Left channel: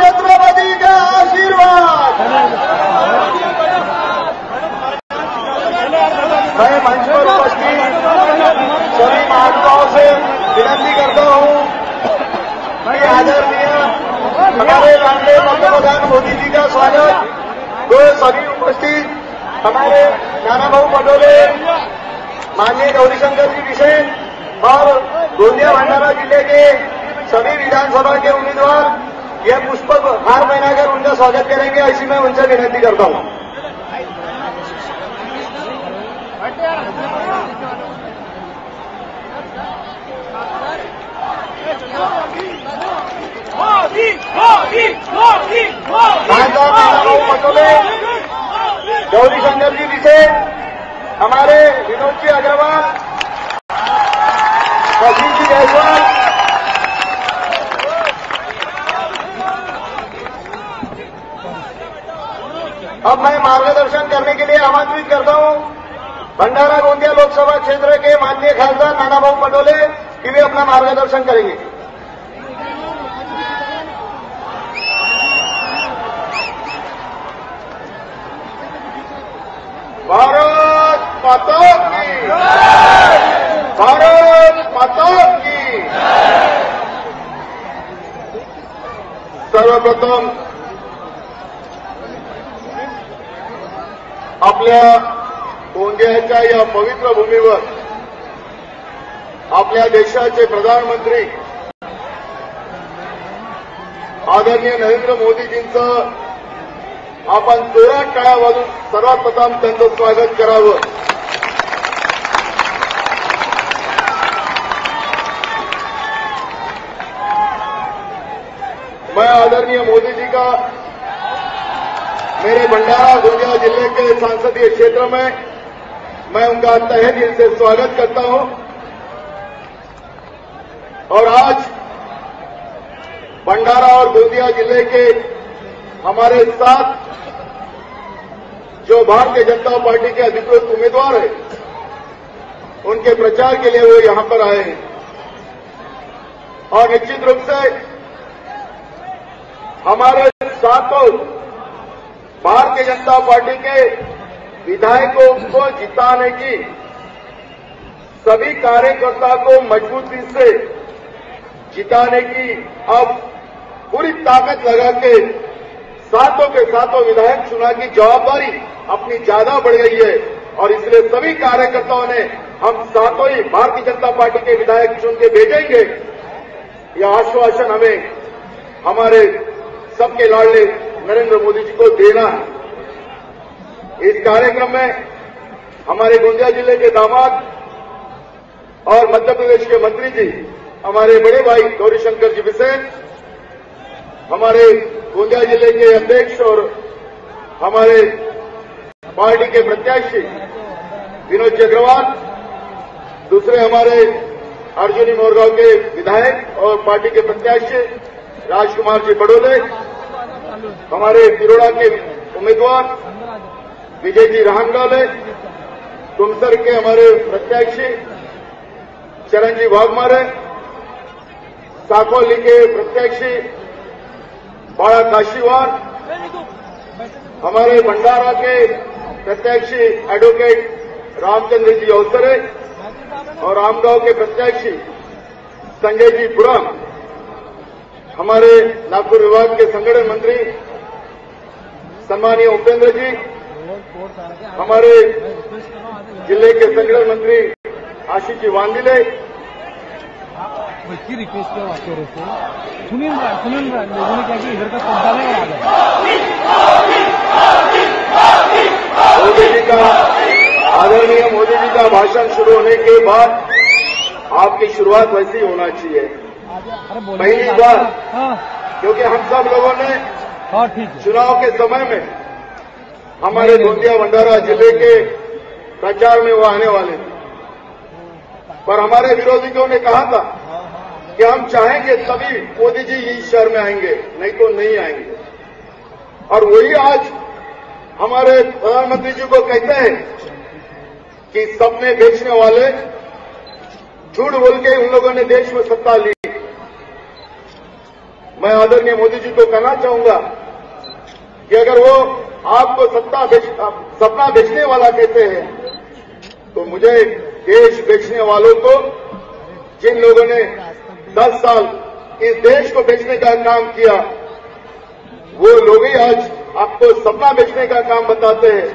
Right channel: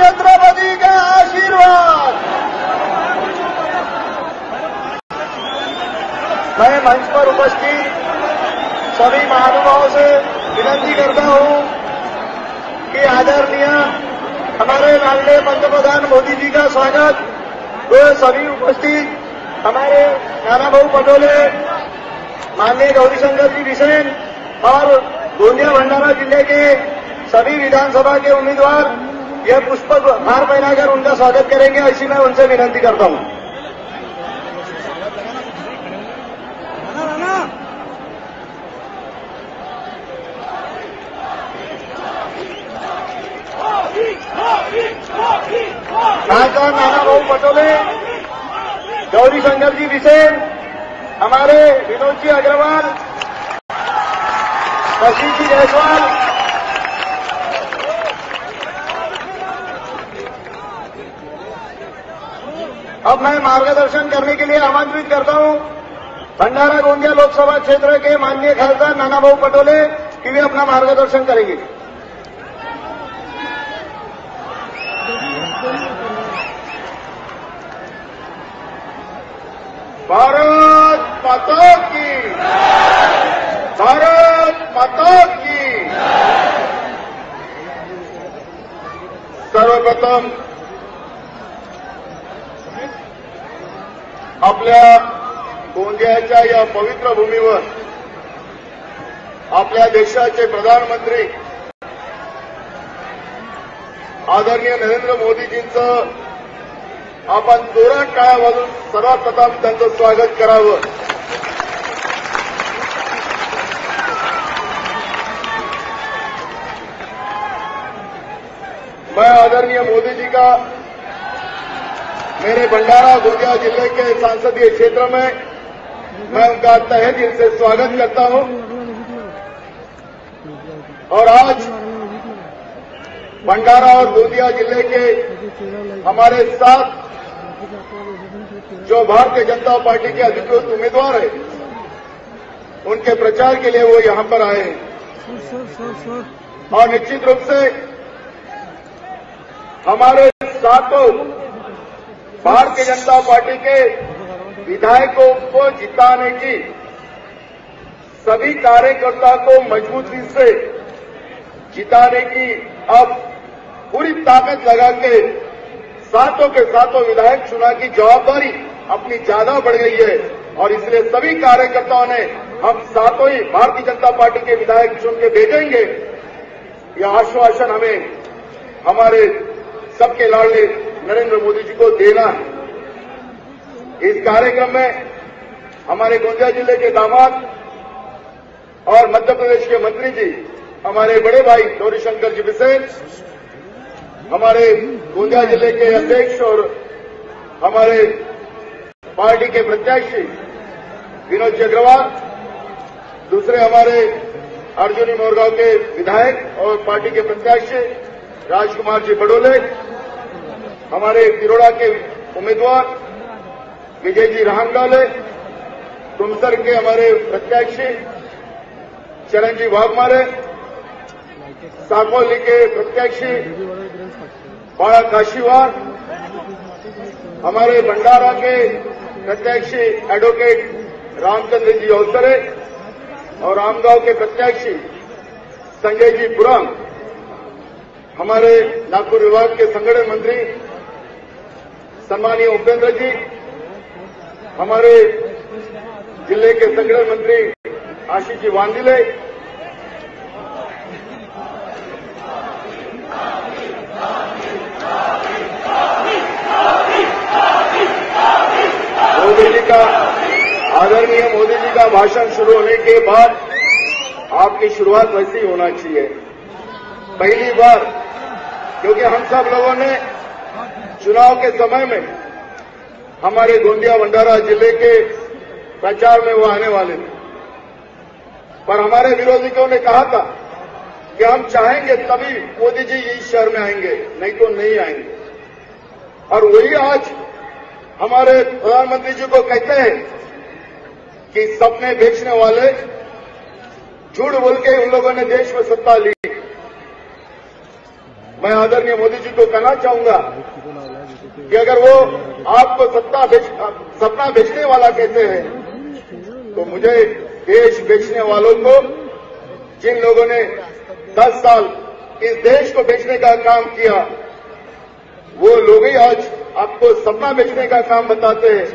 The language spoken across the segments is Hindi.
छत्रपति का आशीर्वाद। मैं मंच पर उपस्थित सभी महानुभावों से विनती करता हूं कि आदरणीय हमारे माननीय पंतप्रधान मोदी जी का स्वागत तो सभी उपस्थित हमारे नाना भाऊ पटोले, माननीय गौरीशंकर जी विशेष और गोंदिया भंडारा जिले के सभी विधानसभा के उम्मीदवार यह पुष्प हार पहनाकर उनका स्वागत करेंगे, ऐसी मैं उनसे विनती करता हूं। सांसद नाना भाऊ पटोले, गौरीशंकर जी विशेष, हमारे विनोद जी अग्रवाल, लक्ष्मी जी जायसवाल, अब मैं मार्गदर्शन करने के लिए आमंत्रित करता हूं भंडारा गोंदिया लोकसभा क्षेत्र के माननीय खासदार नाना भाऊ पटोले कि वे अपना मार्गदर्शन करेंगे। भारत माता की, भारत माता की। सर्वप्रथम आपल्या गोंदियाच्या या पवित्र भूमीवर आपल्या देशाचे प्रधानमंत्री आदरणीय नरेंद्र मोदीजींचं आपण जोरात टाळ्या वाजवून सर्वप्रथम त्यांचं स्वागत करावं। मैं आदरणीय मोदी जी का मेरे भंडारा गोंदिया जिले के संसदीय क्षेत्र में मैं उनका तहे दिल से स्वागत करता हूं। और आज भंडारा और गोंदिया जिले के हमारे साथ जो भारतीय जनता पार्टी के अधिकृत उम्मीदवार हैं, उनके प्रचार के लिए वो यहां पर आए हैं। और निश्चित रूप से हमारे साथों भारतीय जनता पार्टी के विधायकों को जिताने की सभी कार्यकर्ता को मजबूती से जिताने की अब पूरी ताकत लगा के सातों के सातों विधायक चुनाव की जवाबदारी अपनी ज्यादा बढ़ गई है। और इसलिए सभी कार्यकर्ताओं ने हम सातों ही भारतीय जनता पार्टी के विधायक चुन के भेजेंगे, यह आश्वासन हमें हमारे सबके लाडले नरेंद्र मोदी जी को देना है। इस कार्यक्रम में हमारे गोंदिया जिले के दामाद और मध्य प्रदेश के मंत्री जी, हमारे बड़े भाई गौरीशंकर जी विशेष, हमारे गोंदिया जिले के अध्यक्ष और हमारे पार्टी के प्रत्याशी विनोद जी अग्रवाल, दूसरे हमारे अर्जुनी मोरगांव के विधायक और पार्टी के प्रत्याशी राजकुमार जी बड़ोले, हमारे तिरोड़ा के उम्मीदवार विजय जी रामगाले, तुमसर के हमारे प्रत्याशी चरण जी वाघमारे, साकोली के प्रत्याशी बाड़ा काशीवान, हमारे भंडारा के प्रत्याशी एडवोकेट रामचंद्र जी अवसरे और रामगांव के प्रत्याशी संजय जी पुरम, हमारे नागपुर विभाग के संगठन मंत्री सम्मानीय उपेंद्र जी, हमारे जिले के संगठन मंत्री आशीष जी वांडिले, मोदी जी का आदरणीय मोदी जी का भाषण शुरू होने के बाद आपकी शुरुआत वैसी होना चाहिए। पहली बार, क्योंकि हम सब लोगों ने चुनाव के समय में हमारे गोंदिया भंडारा जिले के प्रचार में वो आने वाले थे, पर हमारे विरोधियों ने कहा था कि हम चाहेंगे तभी मोदी जी इस शहर में आएंगे, नहीं तो नहीं आएंगे। और वही आज हमारे प्रधानमंत्री जी को कहते हैं कि सपने बेचने वाले झूठ बोल के उन लोगों ने देश में सत्ता ली। मैं आदरणीय मोदी जी को कहना चाहूंगा कि अगर वो आपको सपना बेचने वाला कहते हैं तो मुझे देश बेचने वालों को, जिन लोगों ने 10 साल इस देश को बेचने का काम किया, वो लोग ही आज आपको सपना बेचने का काम बताते हैं।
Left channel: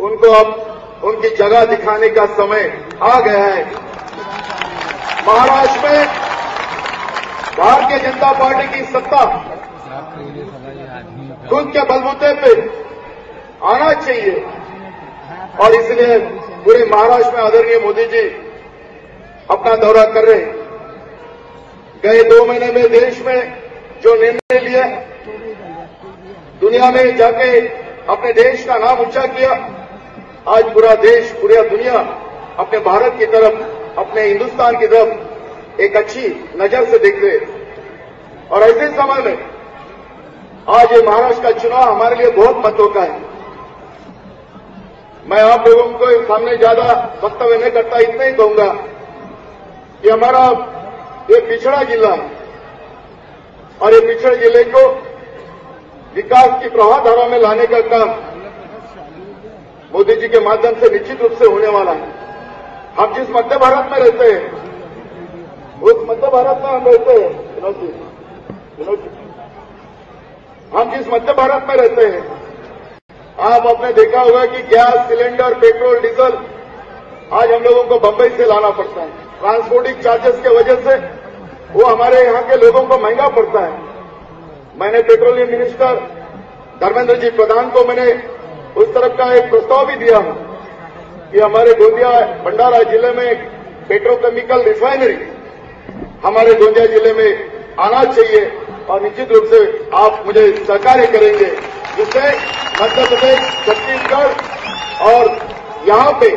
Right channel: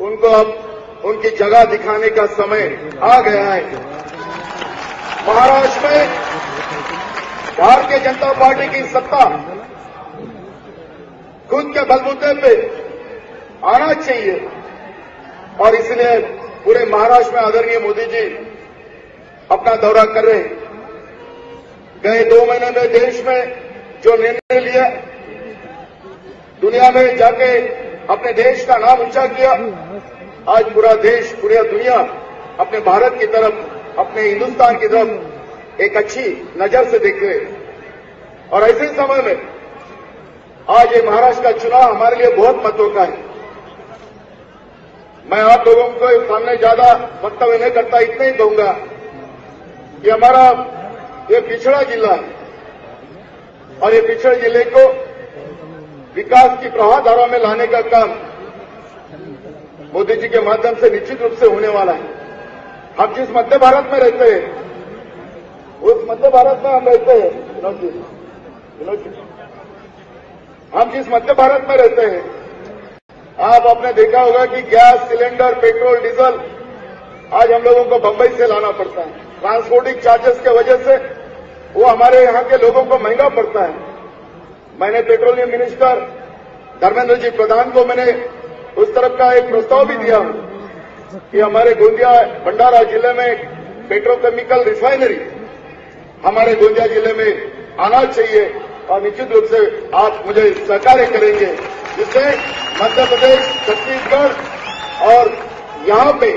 उनको अब उनकी जगह दिखाने का समय आ गया है। महाराष्ट्र में भारतीय जनता पार्टी की सत्ता खुद के बलबूते पे आना चाहिए और इसलिए पूरे महाराष्ट्र में आदरणीय मोदी जी अपना दौरा कर रहे हैं। गए 2 महीने में देश में जो निर्णय लिया, दुनिया में जाके अपने देश का नाम ऊंचा किया, आज पूरा देश, पूरी दुनिया अपने भारत की तरफ, अपने हिंदुस्तान की तरफ एक अच्छी नजर से देख रहे। और ऐसे समय में आज ये महाराष्ट्र का चुनाव हमारे लिए बहुत महत्व का है। मैं आप लोगों को एक सामने ज्यादा वक्तव्य नहीं करता, इतना ही कहूंगा कि हमारा ये पिछड़ा जिला है और ये पिछड़े जिले को विकास की प्रवाहधारा में लाने का काम मोदी जी के माध्यम से निश्चित रूप से होने वाला है। हम जिस मध्य भारत में रहते हैं, उस मध्य भारत में हम रहते हैं, हम जिस मध्य भारत में रहते हैं, आप आपने देखा होगा कि गैस सिलेंडर, पेट्रोल, डीजल आज हम लोगों को बंबई से लाना पड़ता है। ट्रांसपोर्टिंग चार्जेस की वजह से वो हमारे यहाँ के लोगों को महंगा पड़ता है। मैंने पेट्रोलियम मिनिस्टर धर्मेंद्र जी प्रधान को मैंने उस तरफ का एक प्रस्ताव भी दिया कि हमारे गोंदिया भंडारा जिले में पेट्रोकेमिकल रिफाइनरी हमारे गोंदिया जिले में आना चाहिए और निश्चित रूप से आप मुझे सहकार्य करेंगे, जिससे मध्य प्रदेश, छत्तीसगढ़ और यहाँ पे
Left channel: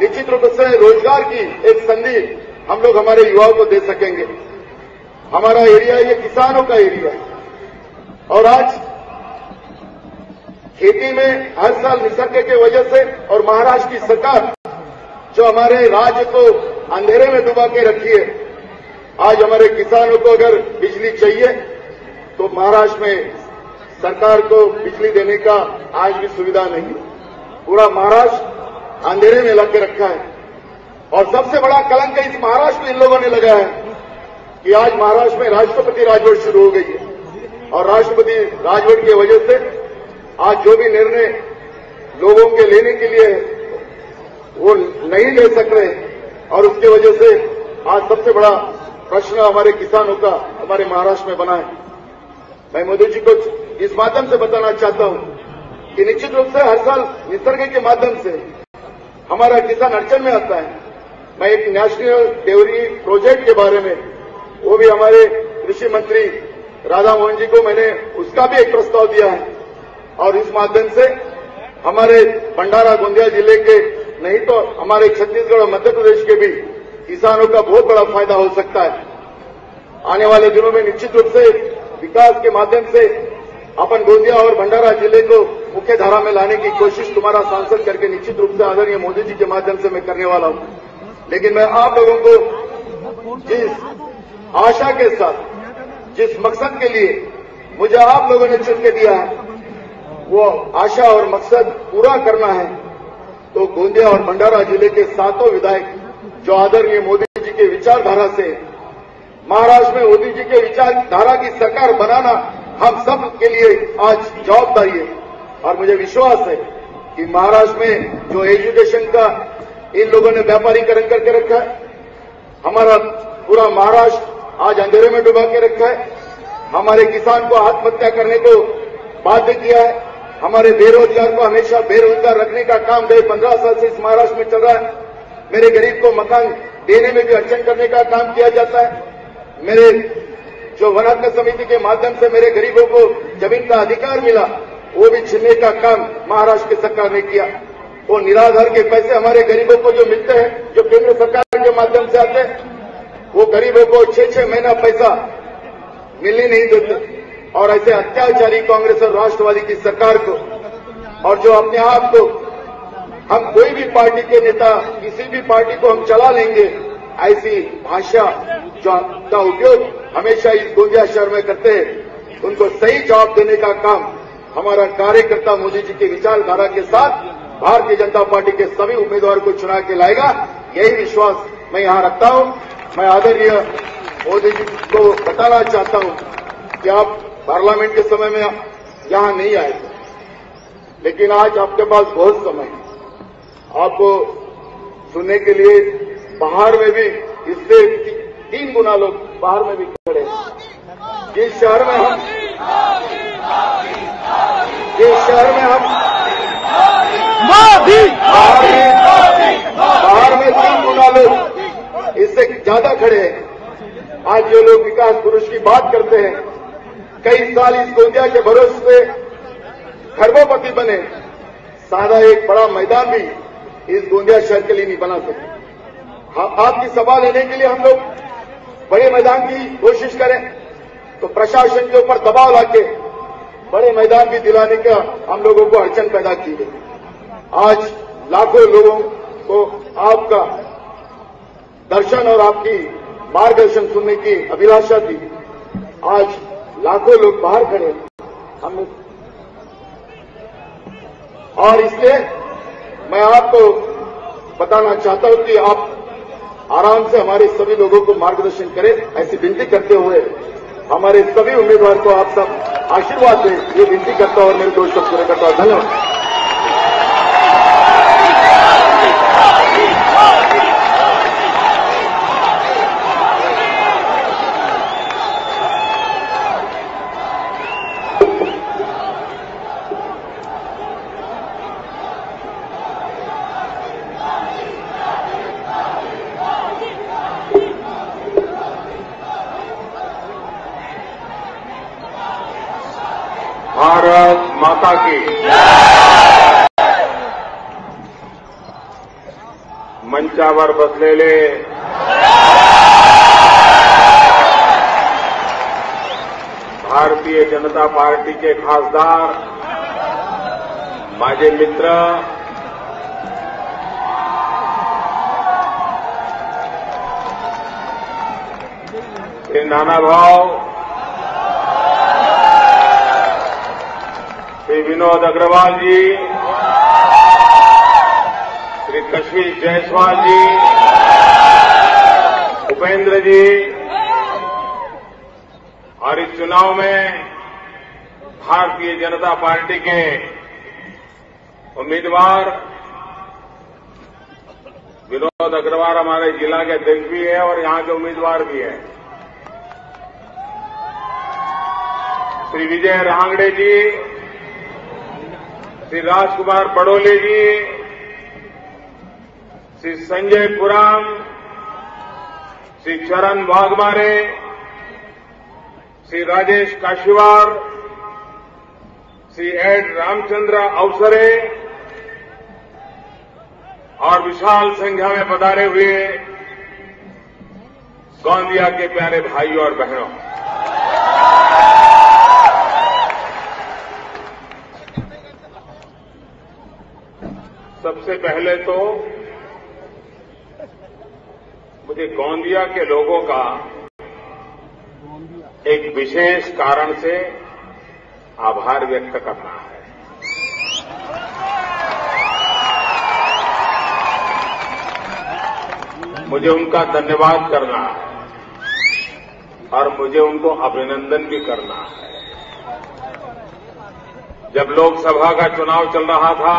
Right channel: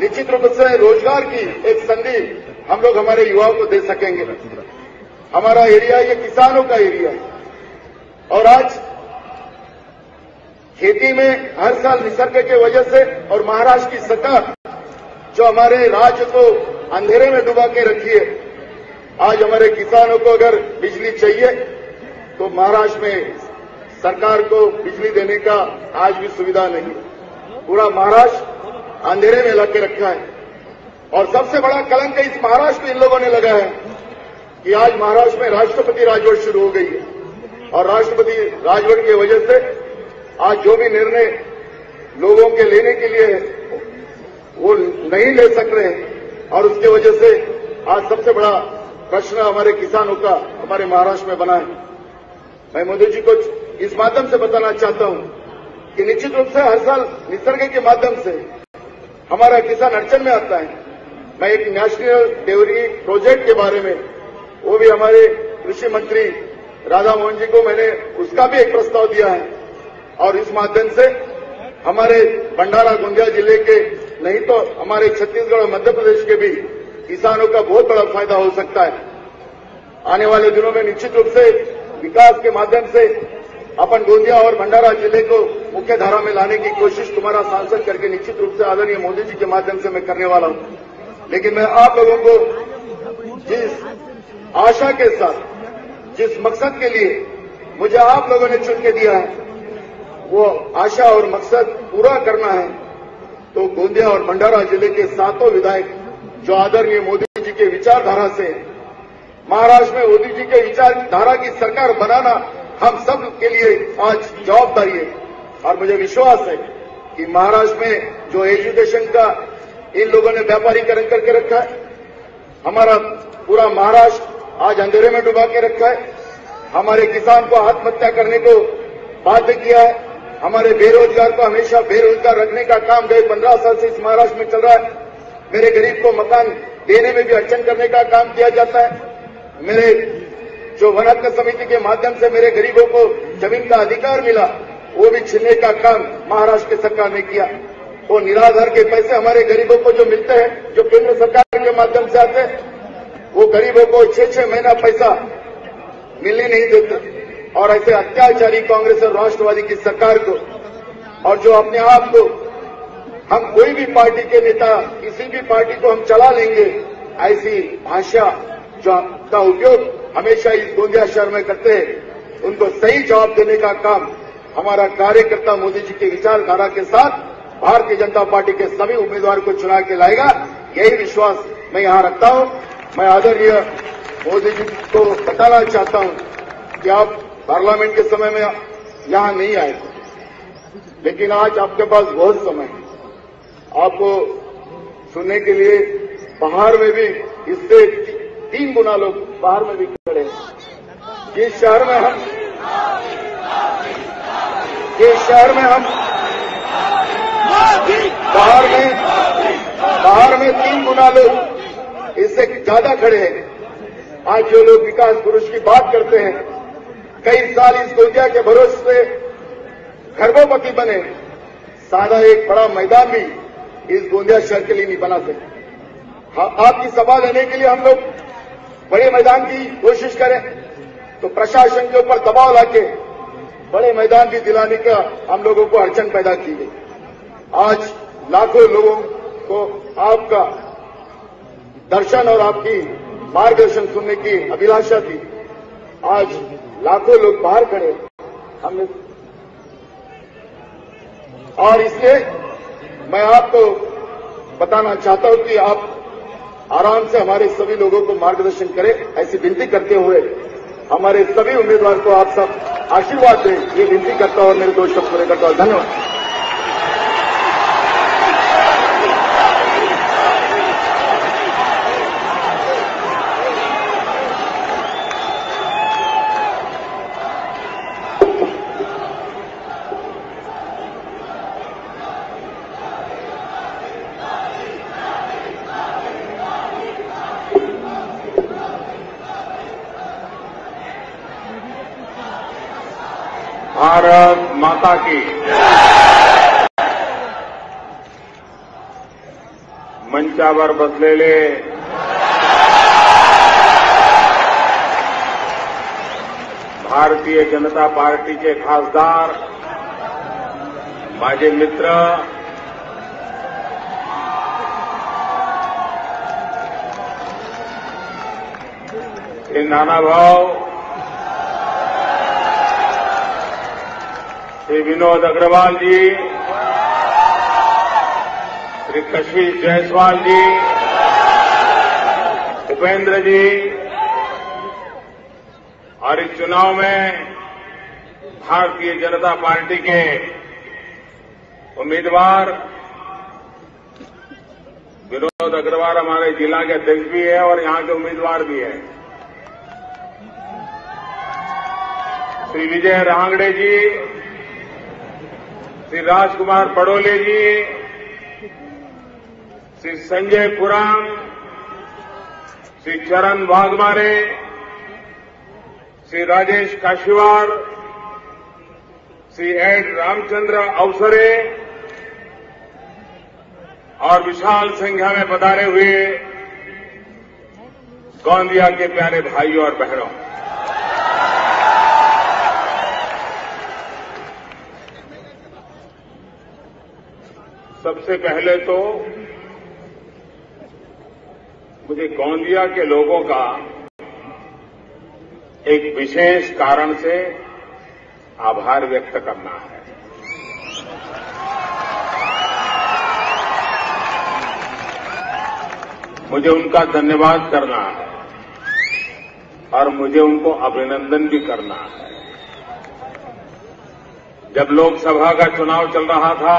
निश्चित रूप से रोजगार की एक संधि हम लोग हमारे युवाओं को दे सकेंगे। हमारा एरिया ये किसानों का एरिया है और आज खेती में हर साल निसर्ग के वजह से और महाराष्ट्र की सरकार जो हमारे राज्य को अंधेरे में डुबा के रखी है, आज हमारे किसानों को अगर बिजली चाहिए तो महाराष्ट्र में सरकार को बिजली देने का आज भी सुविधा नहीं। पूरा महाराष्ट्र अंधेरे में लाके रखा है और सबसे बड़ा कलंक इस महाराष्ट्र में इन लोगों ने लगाया है कि आज महाराष्ट्र में राष्ट्रपति राजवट शुरू हो गई और राष्ट्रपति राजवट की वजह से आज जो भी निर्णय लोगों के लेने के लिए वो नहीं ले सक रहे और उसकी वजह से आज सबसे बड़ा प्रश्न हमारे किसानों का हमारे महाराष्ट्र में बना है। मैं मोदी जी को इस माध्यम से बताना चाहता हूं कि निश्चित रूप से हर साल निसर्ग के माध्यम से हमारा किसान अड़चन में आता है। मैं एक नेशनल डेयरी प्रोजेक्ट के बारे में, वो भी हमारे कृषि मंत्री राधा मोहन जी को मैंने उसका भी एक प्रस्ताव दिया है और इस माध्यम से हमारे भंडारा गोंदिया जिले के नहीं तो हमारे छत्तीसगढ़ और मध्य प्रदेश के भी किसानों का बहुत बड़ा फायदा हो सकता है। आने वाले दिनों में निश्चित रूप से विकास के माध्यम से अपन गोंदिया और भंडारा जिले को मुख्य धारा में लाने की कोशिश तुम्हारा सांसद करके निश्चित रूप से आदरणीय मोदी जी के माध्यम से मैं करने वाला हूं। लेकिन मैं आप लोगों को जिस आशा के साथ, जिस मकसद के लिए मुझे आप लोगों ने चुन के दिया है, वो आशा और मकसद पूरा करना है तो गोंदिया और भंडारा जिले के 7 विधायक जो आदरणीय मोदी जी के विचारधारा से महाराष्ट्र में मोदी जी के विचारधारा की सरकार बनाना हम सब के लिए आज जवाबदारी है। और मुझे विश्वास है कि महाराष्ट्र में जो एजुकेशन का इन लोगों ने व्यापारीकरण करके रखा है, हमारा पूरा महाराष्ट्र आज अंधेरे में डुबा के रखा है, हमारे किसान को आत्महत्या करने को बाध्य किया है, हमारे बेरोजगार को हमेशा बेरोजगार रखने का काम 15 साल से इस महाराष्ट्र में चल रहा है। मेरे गरीब को मकान देने में भी अड़चन करने का काम किया जाता है। मेरे जो वनाग्नि समिति के माध्यम से मेरे गरीबों को जमीन का अधिकार मिला, वो भी छीनने का काम महाराष्ट्र की सरकार ने किया। वो निराधार के पैसे हमारे गरीबों को जो मिलते हैं, जो केंद्र सरकार के माध्यम से आते हैं, वो गरीबों को 6-6 महीना पैसा मिलने नहीं देते। और ऐसे अत्याचारी कांग्रेस और राष्ट्रवादी की सरकार को, और जो अपने आप को हम कोई भी पार्टी के नेता, किसी भी पार्टी को हम चला लेंगे, ऐसी भाषा का उपयोग हमेशा इस गोंदिया शहर में करते हैं, उनको सही जवाब देने का काम हमारा कार्यकर्ता मोदी जी के विचारधारा के साथ भारतीय जनता पार्टी के सभी उम्मीदवार को चुना के लाएगा। यही विश्वास मैं यहां रखता हूं। मैं आदरणीय मोदी जी को बताना चाहता हूं कि आप पार्लियामेंट के समय में यहां नहीं आए, लेकिन आज आपके पास बहुत समय है। आपको सुनने के लिए बाहर में भी इससे 3 गुना लोग बाहर में भी खड़े हैं। जिस शहर में हम बाहर में 3 गुना लोग इससे ज्यादा खड़े हैं। आज जो लोग विकास पुरुष की बात करते हैं, कई साल इस गोंदिया के भरोसे से खरबोपति बने, सारा एक बड़ा मैदान भी इस गोंदिया शहर के लिए नहीं बना था। आपकी सभा लेने के लिए हम लोग बड़े मैदान की कोशिश करें तो प्रशासन के ऊपर दबाव लाके बड़े मैदान भी दिलाने का हम लोगों को अड़चन पैदा की गई। आज लाखों लोगों को आपका दर्शन और आपकी मार्गदर्शन सुनने की अभिलाषा थी। आज लाखों लोग बाहर खड़े हमने, और इसलिए मैं आपको बताना चाहता हूं कि आप आराम से हमारे सभी लोगों को मार्गदर्शन करें, ऐसी विनती करते हुए हमारे सभी उम्मीदवार को आप सब आशीर्वाद दें, ये विनती करता हूं और मेरे 2 शब्द पूरे करता हूं। धन्यवाद। भारत माता की। मंचावर बसलेले भारतीय जनता पार्टी के खासदार, माझे मित्र, श्री नानाभाऊ, श्री विनोद अग्रवाल जी, श्री कशिश जायसवाल जी, उपेंद्र जी, और इस चुनाव में भारतीय जनता पार्टी के उम्मीदवार विनोद अग्रवाल हमारे जिला के अध्यक्ष भी है और यहां के उम्मीदवार भी है, श्री विजय रांगड़े जी, श्री राजकुमार बड़ोले जी, श्री संजय पुराण, श्री चरण वाघमारे, श्री राजेश काशीवार, श्री एड रामचंद्र अवसरे और विशाल संख्या में पधारे हुए गोंदिया के प्यारे भाइयों और बहनों, सबसे पहले तो मुझे गोंदिया के लोगों का एक विशेष कारण से आभार व्यक्त करना है। मुझे उनका धन्यवाद करना है और मुझे उनको अभिनंदन भी करना है। जब लोकसभा का चुनाव चल रहा था,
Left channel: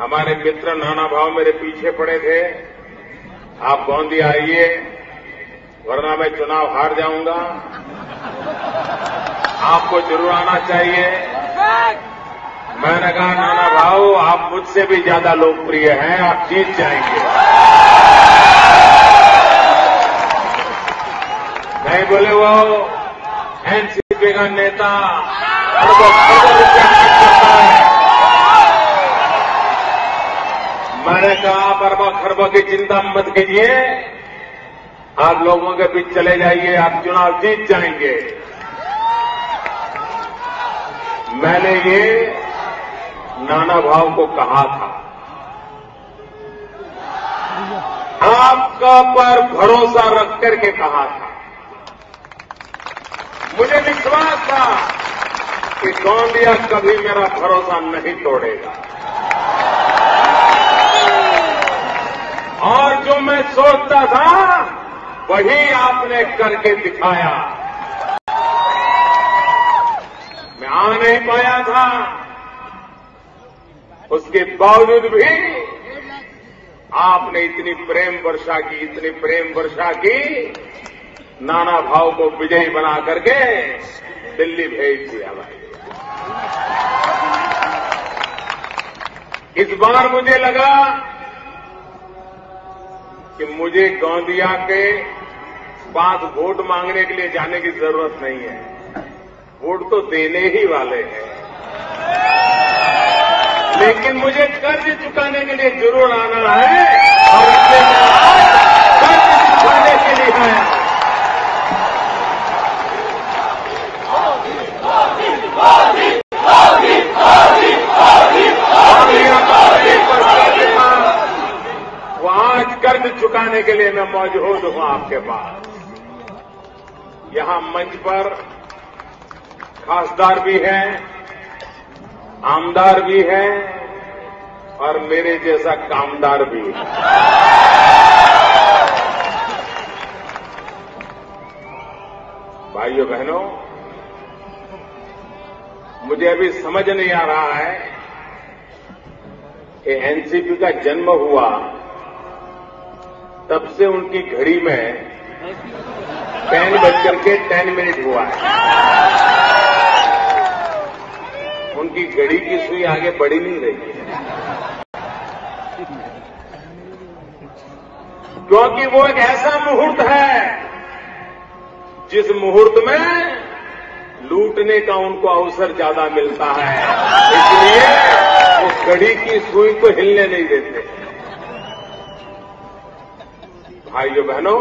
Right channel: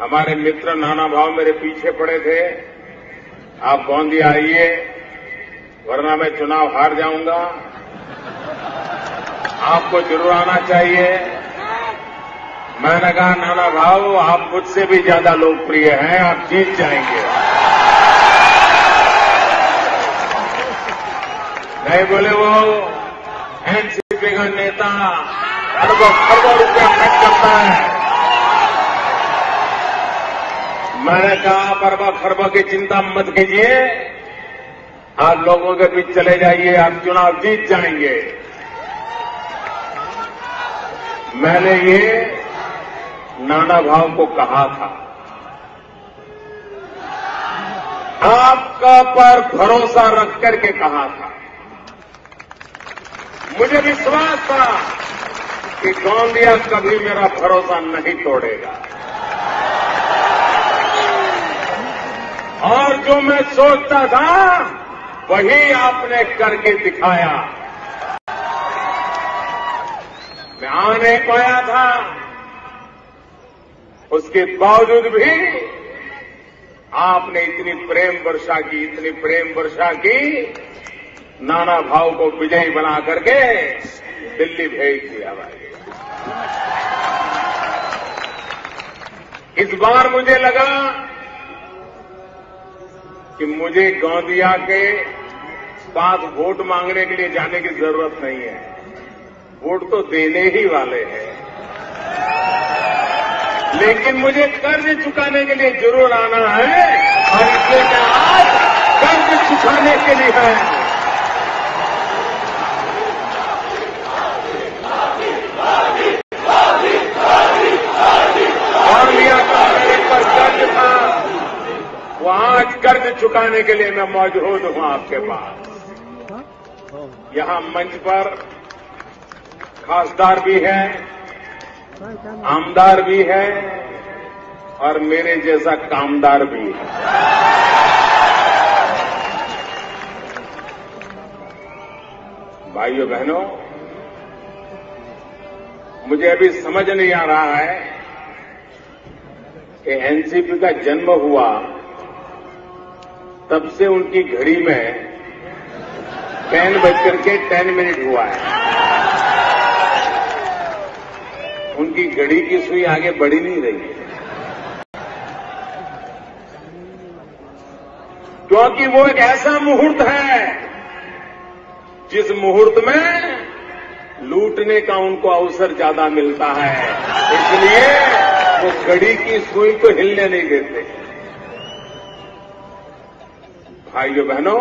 हमारे मित्र नानाभाऊ मेरे पीछे पड़े थे, आप गोंदिया आइए वरना मैं चुनाव हार जाऊंगा, आपको जरूर आना चाहिए। मैंने कहा नानाभाऊ आप मुझसे भी ज्यादा लोकप्रिय हैं, आप जीत जाएंगे। नहीं बोले वो एनसीपी का नेता मैंने कहा खरबा खरबा की चिंता मत कीजिए, आप लोगों के बीच चले जाइए, आप चुनाव जीत जाएंगे। मैंने ये नानाभाऊ को कहा था, आपका पर भरोसा रख करके कहा था। मुझे विश्वास था कि गोंदिया कभी मेरा भरोसा नहीं तोड़ेगा और जो मैं सोचता था वही आपने करके दिखाया। मैं आ नहीं पाया था, उसके बावजूद भी आपने इतनी प्रेम वर्षा की, नाना भाव को विजयी बना करके दिल्ली भेज दिया भाई। इस बार मुझे लगा कि मुझे गोंदिया के पास वोट मांगने के लिए जाने की जरूरत नहीं है, वोट तो देने ही वाले हैं, लेकिन मुझे कर्ज चुकाने के लिए जरूर आना है और इसलिए मैं आज कर्ज चुकाने के लिए आया हूं। वहां कर्ज चुकाने के लिए मैं मौजूद हूं आपके पास। यहां मंच पर खासदार भी हैं, आमदार भी है और मेरे जैसा कामदार भी है। भाइयों बहनों, मुझे अभी समझ नहीं आ रहा है कि एनसीपी का जन्म हुआ तब से उनकी घड़ी में 10:10 हुआ है। उनकी घड़ी की सुई आगे बढ़ी नहीं रही है, क्योंकि वो एक ऐसा मुहूर्त है जिस मुहूर्त में लूटने का उनको अवसर ज्यादा मिलता है, इसलिए वो घड़ी की सुई को हिलने नहीं देते। भाइयों बहनों,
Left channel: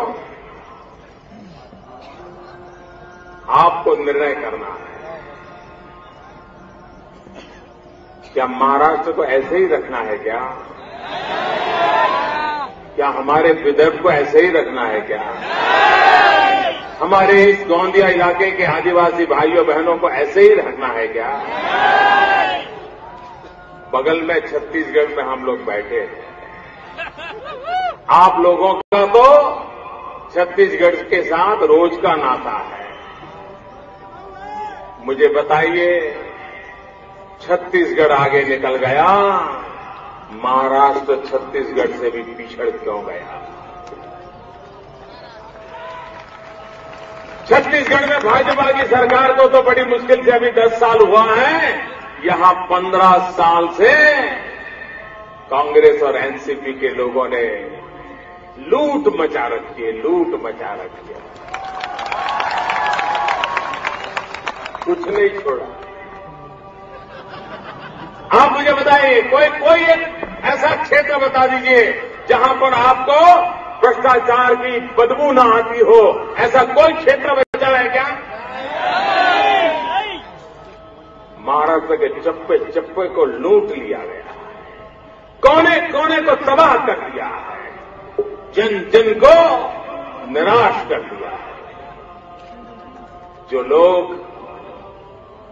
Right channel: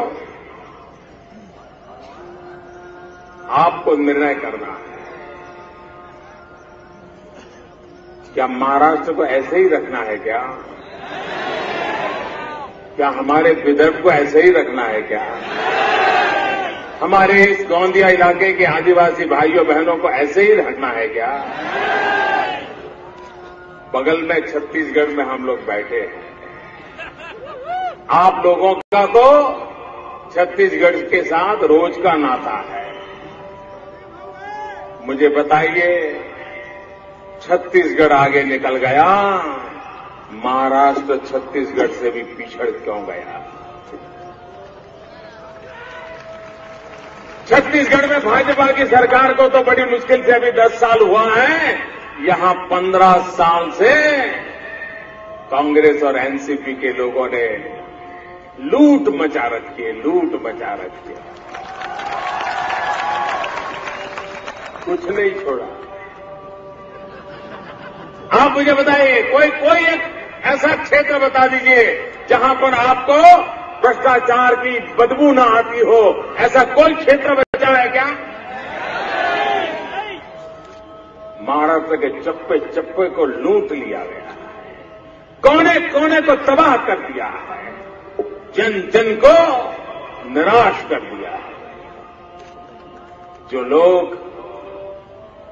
आपको निर्णय करना है, क्या महाराष्ट्र को ऐसे ही रखना है क्या? क्या हमारे विदर्भ को ऐसे ही रखना है क्या? हमारे इस गोंदिया इलाके के आदिवासी भाइयों बहनों को ऐसे ही रखना है क्या? बगल में छत्तीसगढ़ में हम लोग बैठे हैं, आप लोगों का तो छत्तीसगढ़ के साथ रोज का नाता है। मुझे बताइए, छत्तीसगढ़ आगे निकल गया, महाराष्ट्र छत्तीसगढ़ से भी पिछड़ क्यों गया? छत्तीसगढ़ में भाजपा की सरकार को तो बड़ी मुश्किल से अभी 10 साल हुआ है, यहां 15 साल से कांग्रेस और एनसीपी के लोगों ने लूट मचा रखी है, लूट मचा रखी है, कुछ नहीं छोड़ा। आप मुझे बताइए, कोई एक ऐसा क्षेत्र बता दीजिए जहां पर आपको भ्रष्टाचार की बदबू ना आती हो, ऐसा कोई क्षेत्र बचा है क्या? महाराष्ट्र के चप्पे चप्पे को लूट लिया गया, कोने कोने को तबाह कर दिया, जन जन को निराश कर दिया। जो लोग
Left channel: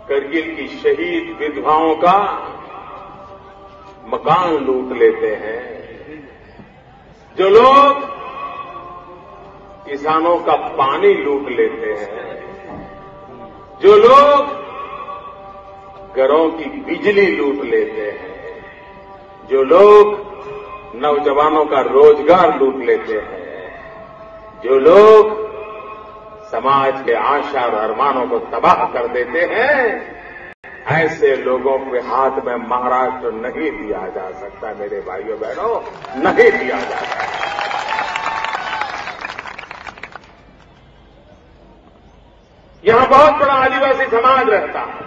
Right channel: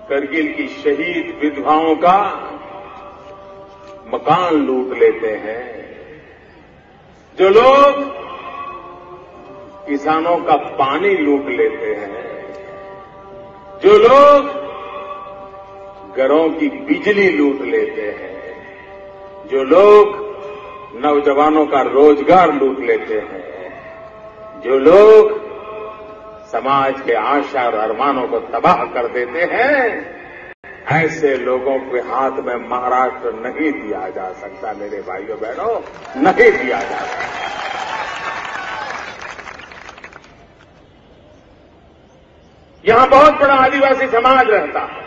करगिल की शहीद विधवाओं का मकान लूट लेते हैं, जो लोग किसानों का पानी लूट लेते हैं, जो लोग घरों की बिजली लूट लेते हैं, जो लोग नौजवानों का रोजगार लूट लेते हैं, जो लोग समाज के आशा और अरमानों को तबाह कर देते हैं, ऐसे लोगों के हाथ में महाराष्ट्र नहीं दिया जा सकता। मेरे भाइयों बहनों, नहीं दिया जा सकता। यहां बहुत बड़ा आदिवासी समाज रहता है,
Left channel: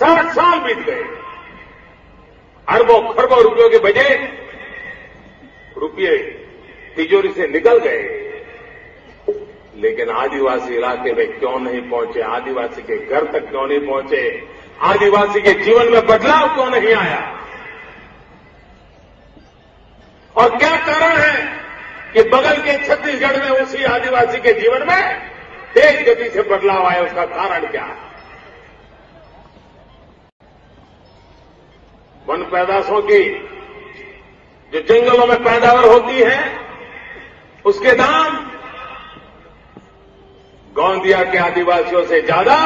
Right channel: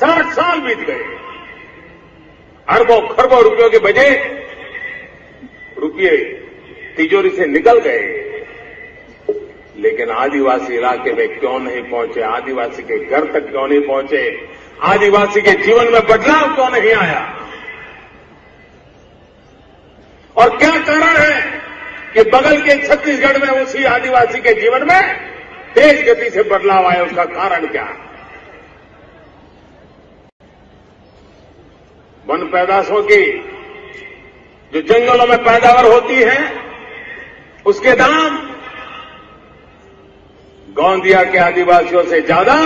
60 साल बीत गए, अरबों खरबों रुपयों के बजट रुपये तिजोरी से निकल गए, लेकिन आदिवासी इलाके में क्यों नहीं पहुंचे? आदिवासी के घर तक क्यों नहीं पहुंचे? आदिवासी के जीवन में बदलाव क्यों नहीं आया? और क्या कारण है कि बगल के छत्तीसगढ़ में उसी आदिवासी के जीवन में तेज गति से बदलाव आया, उसका कारण क्या है? वन पैदाशों की जो जंगलों में पैदावार होती है उसके दाम गोंदिया के आदिवासियों से ज्यादा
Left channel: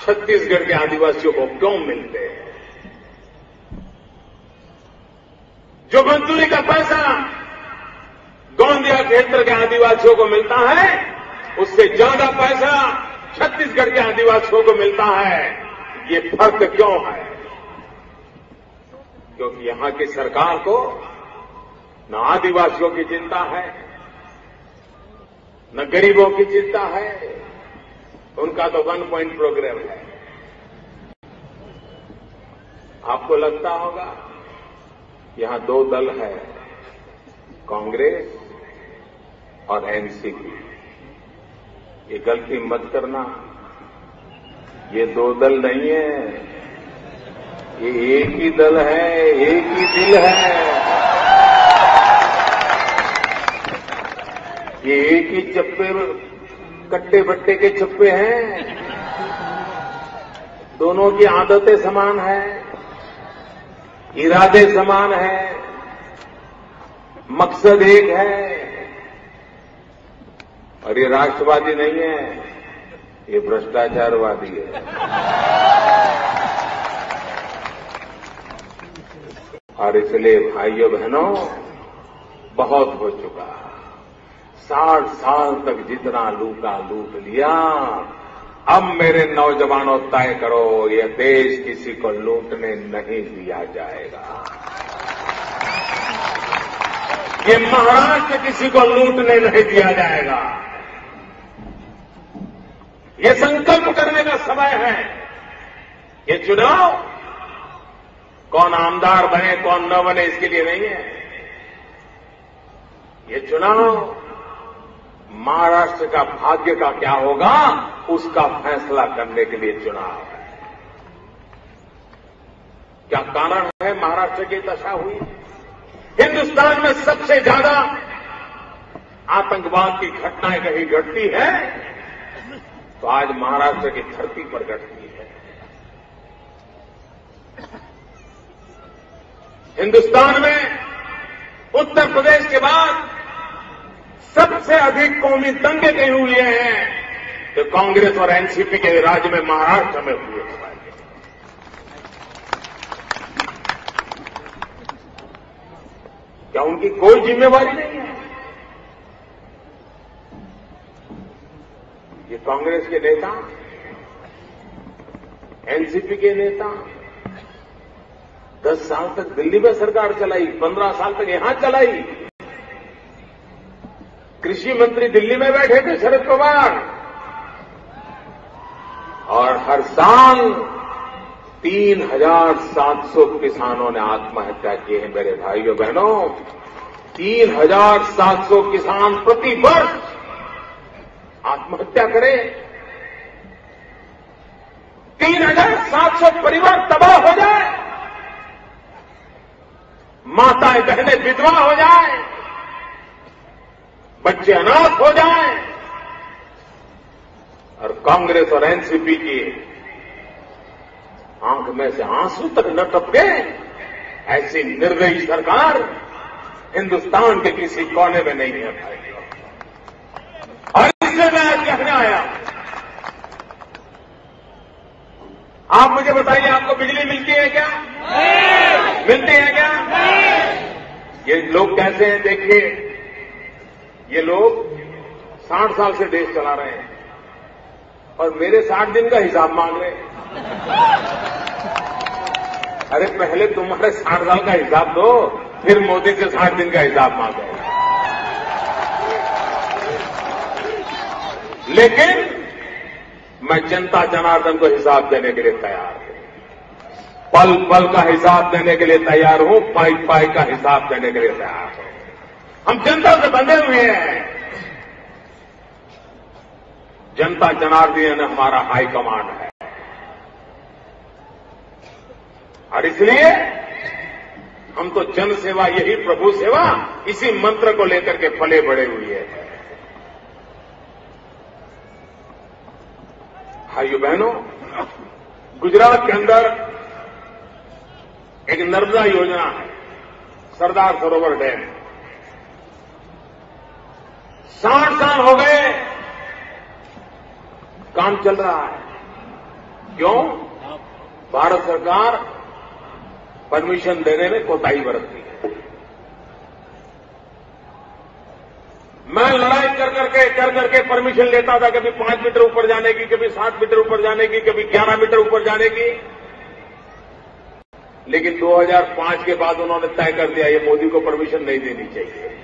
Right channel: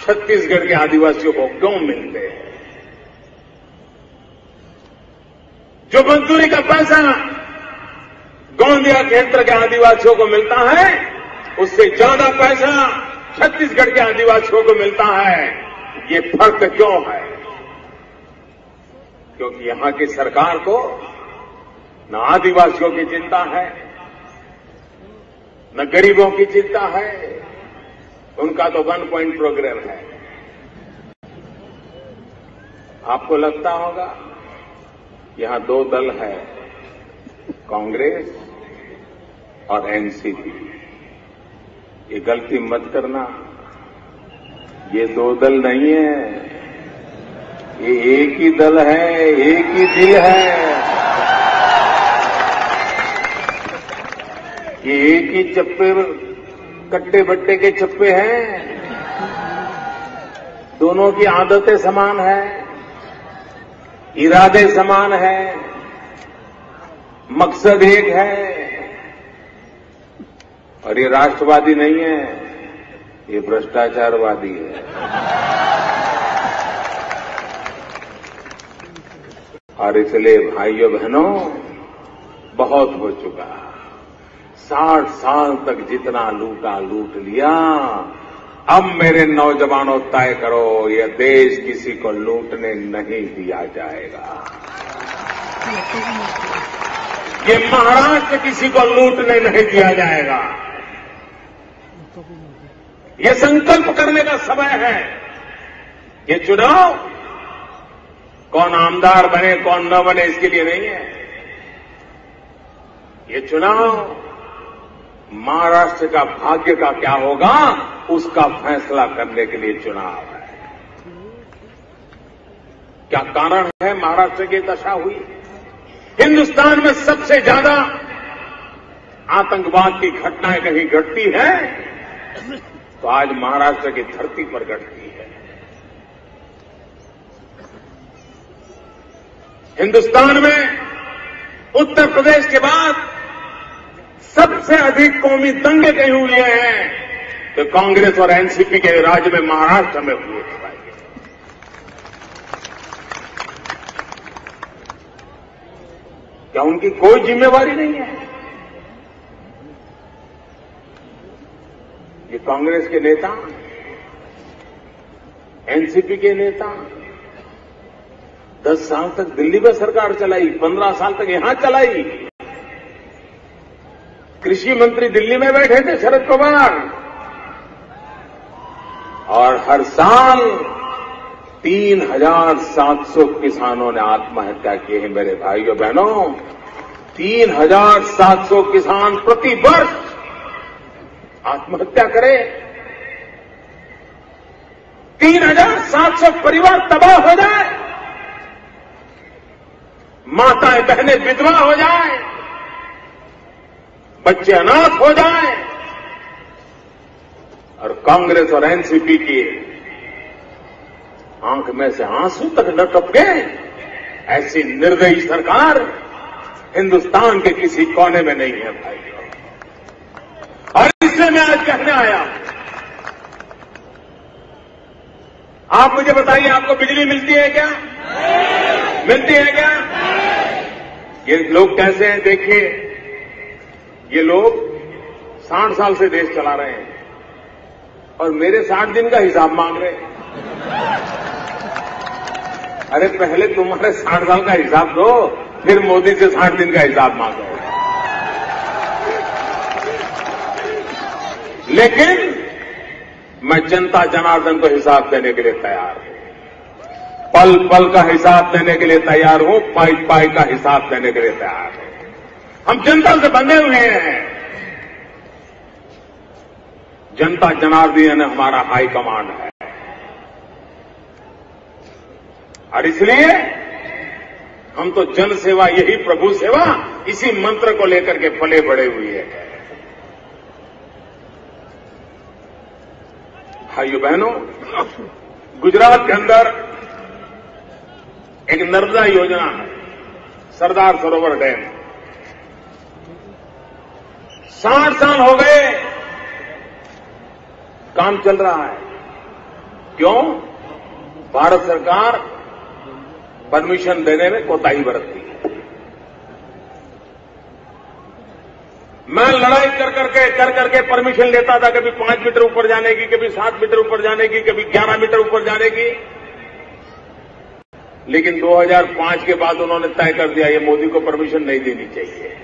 छत्तीसगढ़ के आदिवासियों को क्यों मिलते हैं? जो मजदूरी का पैसा गोंदिया क्षेत्र के आदिवासियों को मिलता है उससे ज्यादा पैसा छत्तीसगढ़ के आदिवासियों को मिलता है। ये फर्क क्यों है? क्योंकि यहां की सरकार को न आदिवासियों की चिंता है, न गरीबों की चिंता है, उनका तो 1 पॉइंट प्रोग्राम है। आपको लगता होगा यहां 2 दल है, कांग्रेस और एनसीपी। ये गलती मत करना, ये 2 दल नहीं है, ये एक ही दल है, एक ही दिल है, ये एक ही चप्पे कट्टे बट्टे के चप्पे हैं। दोनों की आदतें समान है, इरादे समान है, मकसद एक है। और ये राष्ट्रवादी नहीं है, ये भ्रष्टाचारवादी है। और इसलिए भाइयों बहनों, बहुत हो चुका। 60 साल तक जितना लूटा लूट लिया। अब मेरे नौजवानों तय करो, यह देश किसी को लूटने नहीं दिया जाएगा। ये महाराष्ट्र किसी को लूटने नहीं दिया जाएगा। ये संकल्प करने का समय है। ये चुनाव कौन आमदार बने कौन न बने इसके लिए नहीं है। ये चुनाव महाराष्ट्र का भाग्य का क्या होगा उसका फैसला करने के लिए चुनाव है। क्या कारण है महाराष्ट्र की दशा हुई? हिंदुस्तान में सबसे ज्यादा आतंकवाद की घटनाएं कहीं घटती है तो आज महाराष्ट्र की धरती पर घटती है। हिंदुस्तान में उत्तर प्रदेश के बाद सबसे अधिक कौमी दंगे कहीं हुए हैं तो कांग्रेस और एनसीपी के राज्य में महाराष्ट्र में हुए। क्या उनकी कोई जिम्मेवारी नहीं है? ये कांग्रेस के नेता, एनसीपी के नेता 10 साल तक दिल्ली में सरकार चलाई, 15 साल तक यहां चलाई। कृषि मंत्री दिल्ली में बैठे थे शरद पवार, और हर साल 3,700 किसानों ने आत्महत्या की है। मेरे भाइयों बहनों, 3,700 किसान प्रति वर्ष आत्महत्या करें। 3,700 परिवार तबाह हो जाए, माताएं बहनें विधवा हो जाए, बच्चे अनाथ हो जाए, और कांग्रेस और एनसीपी की आंख में से आंसू तक न टपके। ऐसी निर्दयी सरकार हिंदुस्तान के किसी कोने में नहीं है भाई। और इससे मैं आज कहने आया, आप मुझे बताइए, आपको बिजली मिलती है क्या? मिलती है क्या? ये लोग कैसे हैं देखिए। ये लोग 60 साल से देश चला रहे हैं और मेरे 60 दिन का हिसाब मांग रहे हैं। अरे पहले तुम्हारे 60 साल का हिसाब दो, फिर मोदी से 60 दिन का हिसाब मांगो। लेकिन मैं जनता जनार्दन को हिसाब देने के लिए तैयार हूं, पल पल का हिसाब देने के लिए तैयार हूं, पाई पाई का हिसाब देने के लिए तैयार हूं। हम जनता से बंधे हुए हैं। जनता जनार्दन हमारा हाई कमांड है और इसलिए हम तो जन सेवा, यही प्रभु सेवा इसी मंत्र को लेकर के फले बढ़े हुए है। भाइयों बहनों, गुजरात के अंदर एक नर्मदा योजना है, सरदार सरोवर डैम। 60 साल हो गए, काम चल रहा है। क्यों? भारत सरकार परमिशन देने में कोताही बरतती है। मैं लड़ाई कर करके परमिशन लेता था, कभी 5 मीटर ऊपर जाने की, कभी 7 मीटर ऊपर जाने की, कभी 11 मीटर ऊपर जाने की। लेकिन 2005 के बाद उन्होंने तय कर दिया कि मोदी को परमिशन नहीं देनी चाहिए।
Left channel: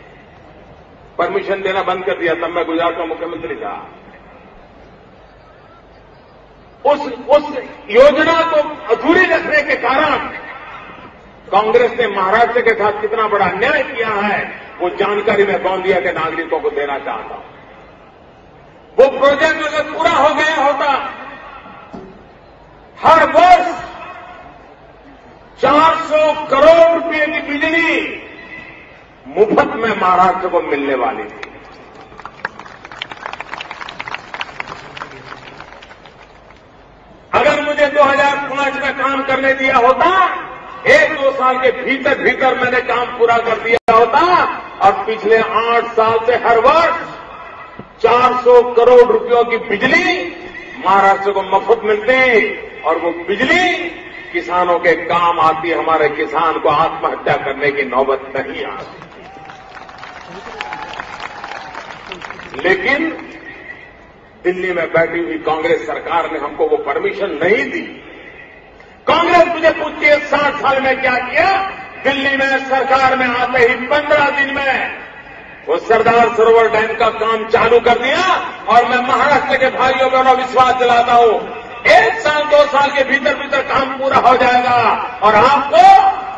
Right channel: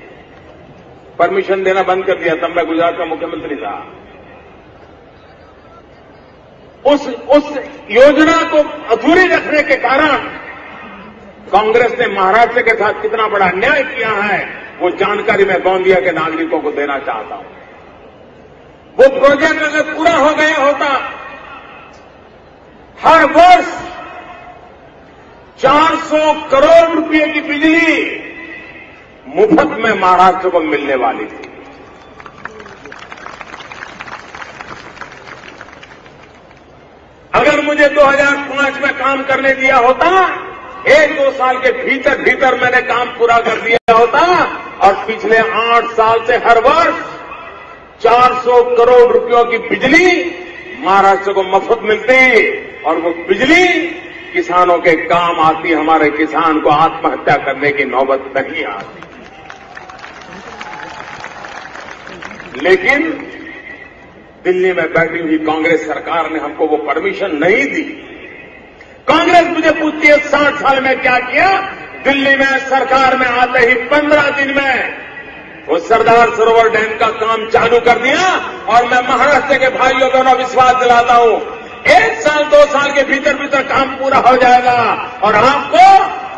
परमिशन देना बंद कर दिया। तब मैं गुजरात का मुख्यमंत्री था। उस योजना को अधूरी रखने के कारण कांग्रेस ने महाराष्ट्र के साथ कितना बड़ा अन्याय किया है, वो जानकारी मैं गोंदिया के नागरिकों को देना चाहता हूं। वो प्रोजेक्ट अगर पूरा हो गया होता, हर वर्ष 400 करोड़ रुपए की बिजली मुफ्त में महाराष्ट्र को मिलने वाली थी। अगर मुझे 2005 में काम करने दिया होता, 1-2 साल के भीतर भीतर मैंने काम पूरा कर दिया होता और पिछले 8 साल से हर वर्ष 400 करोड़ रुपयों की बिजली महाराष्ट्र को मुफ्त मिलती और वो बिजली किसानों के काम आती। हमारे किसान को आत्महत्या करने की नौबत नहीं आती। लेकिन दिल्ली में बैठी हुई कांग्रेस सरकार ने हमको वो परमिशन नहीं दी। कांग्रेस मुझे पूछती है 60 साल में क्या किया? दिल्ली में सरकार में आते ही 15 दिन में वो सरदार सरोवर डैम का काम चालू कर दिया। और मैं महाराष्ट्र के भाइयों को विश्वास दिलाता हूं, 1 साल 2 साल के भीतर भीतर काम पूरा हो जाएगा और आपको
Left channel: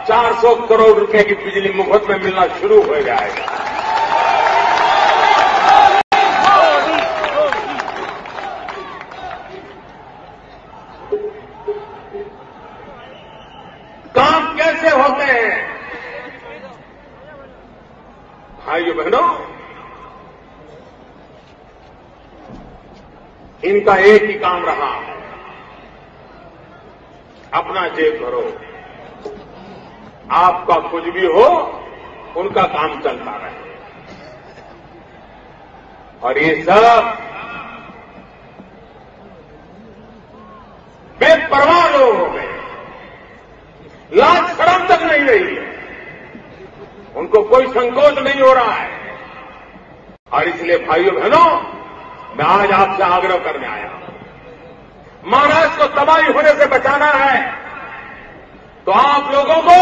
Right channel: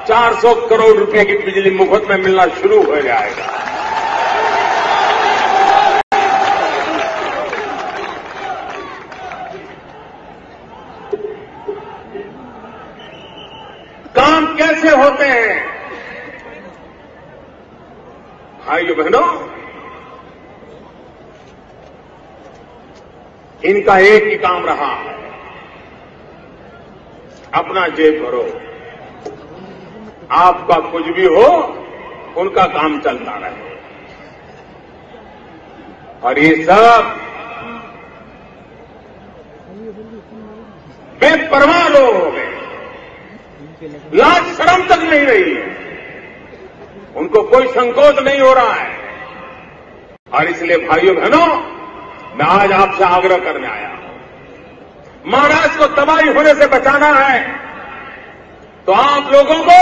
400 करोड़ रुपए की बिजली मुफ्त में मिलना शुरू हो जाएगा। काम कैसे होते हैं? भाइयों बहनों, इनका एक ही काम रहा, अपना जेब भरो। आपका कुछ भी हो, उनका काम चलता रहे। और ये सब बेपरवाह लोग हो गए, लाज शर्म तक नहीं रही है, उनको कोई संकोच नहीं हो रहा है। और इसलिए भाइयों बहनों, मैं आज आपसे आग्रह करने आया, महाराष्ट्र को तबाही होने से बचाना है तो आप लोगों को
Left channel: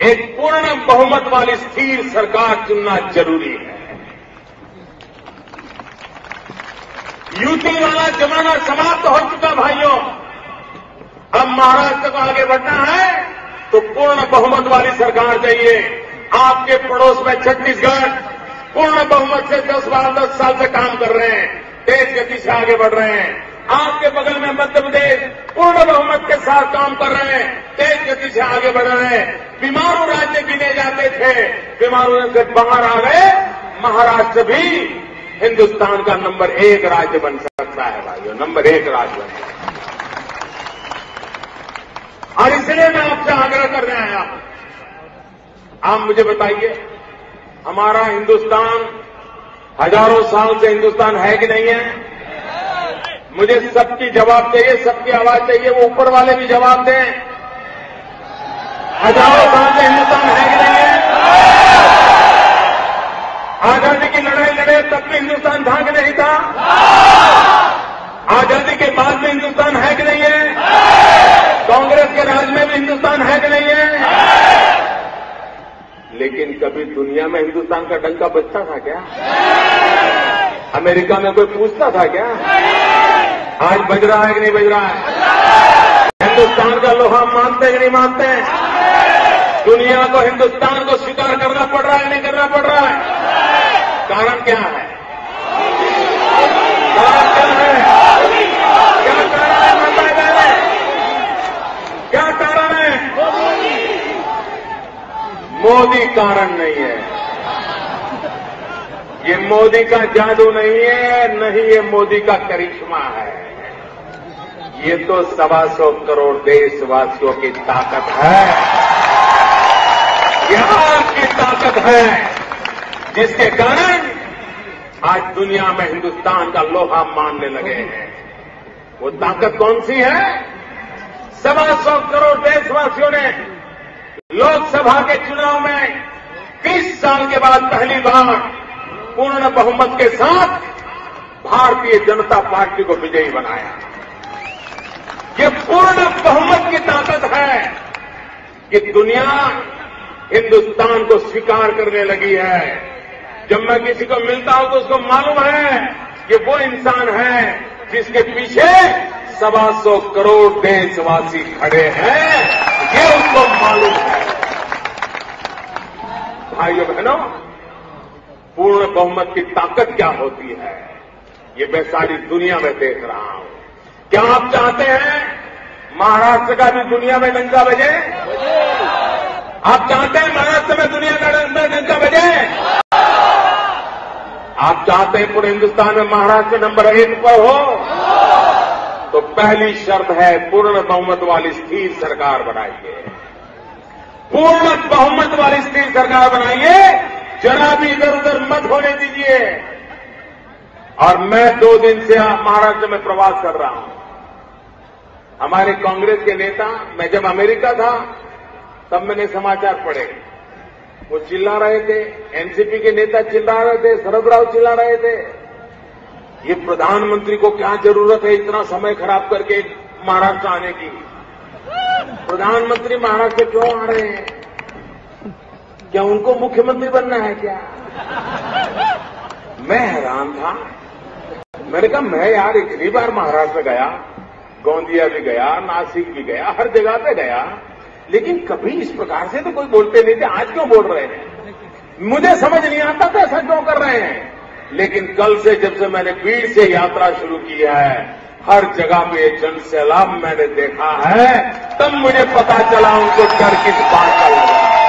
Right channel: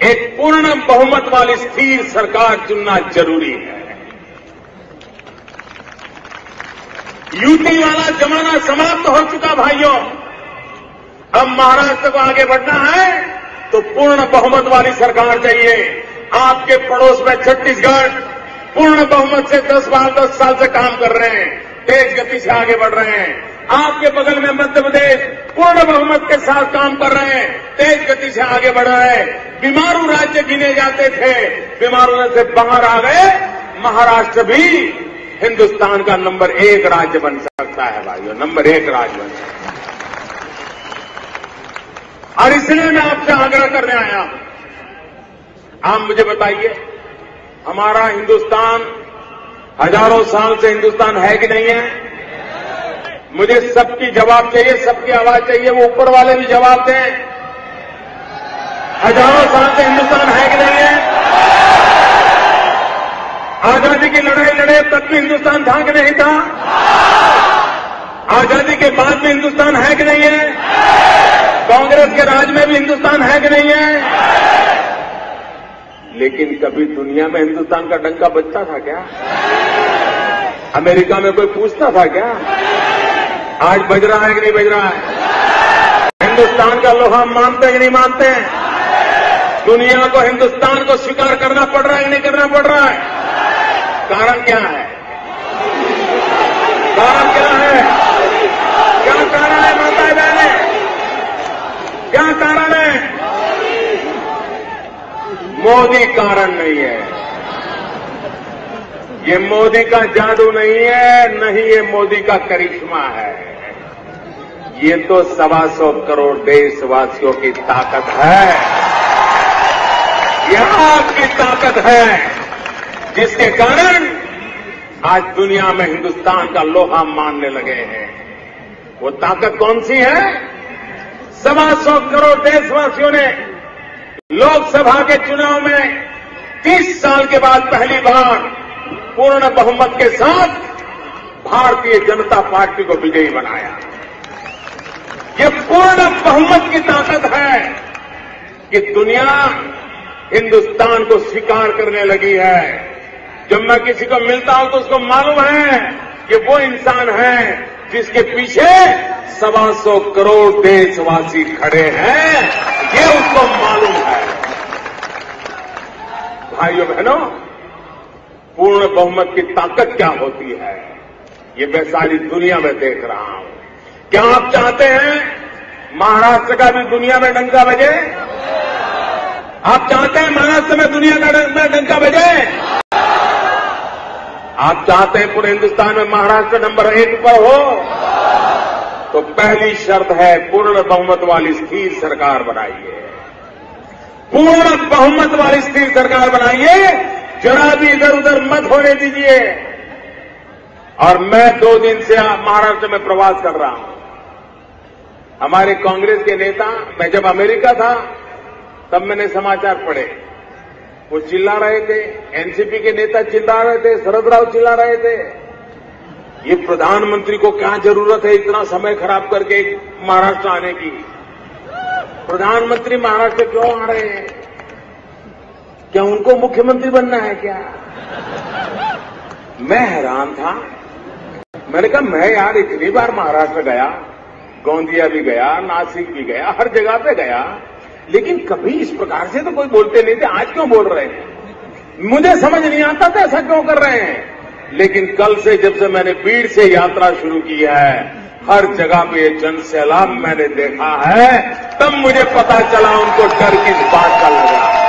एक पूर्ण बहुमत वाली स्थिर सरकार चुनना जरूरी है। यूपी वाला जमाना समाप्त हो चुका भाइयों। अब महाराष्ट्र को आगे बढ़ना है तो पूर्ण बहुमत वाली सरकार चाहिए। आपके पड़ोस में छत्तीसगढ़ पूर्ण बहुमत से 10 साल से काम कर रहे हैं, तेज गति से आगे बढ़ रहे हैं। आपके बगल में मध्य प्रदेश पूर्ण बहुमत के साथ काम कर रहे हैं, तेज गति से आगे बढ़ रहे हैं। बीमारू राज्य गिने जाते थे, बीमारियों से बाहर आ गए। महाराष्ट्र भी हिंदुस्तान का नंबर 1 राज्य बन सकता है भाइयों, नंबर 1 राज्य बन सकता है। और इसलिए मैं आपसे आग्रह करने आया, आप मुझे बताइए, हमारा हिंदुस्तान हजारों साल से हिंदुस्तान है कि नहीं है? मुझे सबकी जवाब चाहिए, सबकी आवाज चाहिए, वो ऊपर वाले भी जवाब दें। हजारों साल से हिंदुस्तान है कि नहीं है? आजादी की लड़ाई लड़े तब भी हिंदुस्तान था कि नहीं था? आजादी के बाद में हिंदुस्तान है कि नहीं है? कांग्रेस के राज में भी हिंदुस्तान है कि नहीं है? लेकिन कभी दुनिया में हिंदुस्तान का डंका बजता था क्या? अमेरिका में कोई पूछता था क्या? आज बज रहा है कि नहीं बज रहा है? हिंदुस्तान का लोहा मानते हैं नहीं मानते हैं? दुनिया को हिंदुस्तान को स्वीकार करना पड़ रहा है नहीं करना पड़ रहा है? कारण क्या है? कारण क्या है? क्या कारण है माता बहने? क्या कारण है? मोदी कारण नहीं है। ये मोदी का जादू नहीं है, नहीं ये मोदी का करिश्मा है। ये तो 125 करोड़ देशवासियों की ताकत है। यह आपकी ताकत है जिसके कारण आज दुनिया में हिंदुस्तान का लोहा मानने लगे हैं। वो ताकत कौन सी है? 125 करोड़ देशवासियों ने लोकसभा के चुनाव में 30 साल के बाद पहली बार पूर्ण बहुमत के साथ भारतीय जनता पार्टी को विजयी बनाया। ये पूर्ण बहुमत की ताकत है कि दुनिया हिंदुस्तान को स्वीकार करने लगी है। जब मैं किसी को मिलता हूं तो उसको मालूम है कि वो इंसान है जिसके पीछे 125 करोड़ देशवासी खड़े हैं। ये उसको मालूम है। भाइयों बहनों, पूर्ण बहुमत की ताकत क्या होती है ये मैं सारी दुनिया में देख रहा हूं। क्या आप चाहते हैं महाराष्ट्र का भी दुनिया में डंका बजे? आप चाहते हैं महाराष्ट्र में दुनिया का डंका बजे? आप चाहते हैं पूरे हिंदुस्तान में महाराष्ट्र नंबर 1 पर हो? तो पहली शर्त है पूर्ण बहुमत वाली स्थिर सरकार बनाइए। पूर्ण बहुमत वाली स्थिर सरकार बनाइए, जरा भी इधर उधर मत होने दीजिए। और मैं 2 दिन से महाराष्ट्र में प्रवास कर रहा हूं। हमारे कांग्रेस के नेता, मैं जब अमेरिका था तब मैंने समाचार पढ़े, वो चिल्ला रहे थे। एनसीपी के नेता चिल्ला रहे थे, शरद राव चिल्ला रहे थे, ये प्रधानमंत्री को क्या जरूरत है इतना समय खराब करके महाराष्ट्र आने की? प्रधानमंत्री महाराष्ट्र क्यों आ रहे हैं? क्या उनको मुख्यमंत्री बनना है क्या? मैं हैरान था। मैंने कहा मैं यार इतनी बार महाराष्ट्र गया, गोंदिया भी गया, नासिक भी गया, हर जगह पे गया, लेकिन कभी इस प्रकार से तो कोई बोलते नहीं थे। आज क्यों बोल रहे हैं? मुझे समझ नहीं आता था ऐसा क्यों कर रहे हैं। लेकिन कल से जब से मैंने भीड़ से यात्रा शुरू की है, हर जगह में ये जन सैलाब मैंने देखा है, तब मुझे पता चला उनको डर किस बात का लग रहा है।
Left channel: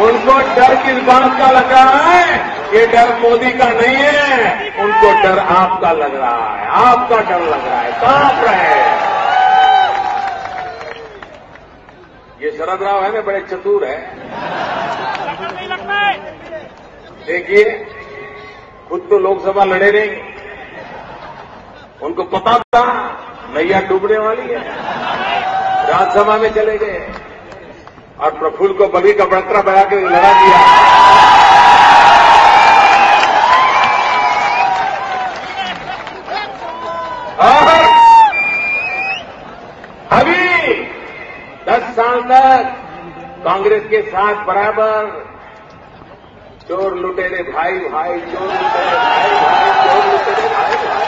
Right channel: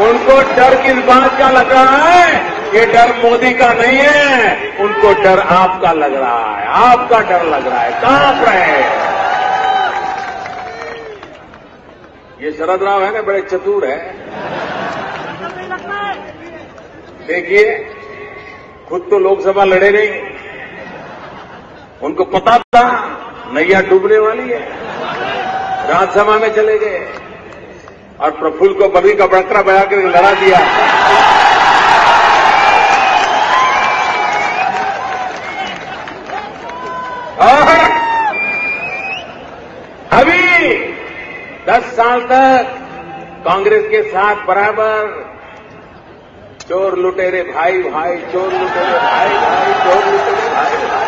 उनको डर किस बात का लग रहा है? ये डर मोदी का नहीं है, उनको डर आपका लग रहा है। आपका डर लग रहा है, कांप रहे हैं। ये शरद राव है ना, बड़े चतुर है। देखिए, खुद तो लोकसभा लड़े नहीं, उनको पता था नैया डूबने वाली है, राज्यसभा में चले गए और प्रफुल्ल को बड़ी का बड़का बना के लड़ा दिया। और अभी 10 साल तक कांग्रेस के साथ बराबर चोर लुटेरे भाई भाई, चोर लुटेरे भाई भाई, चोर लुटेरे भाई भाई,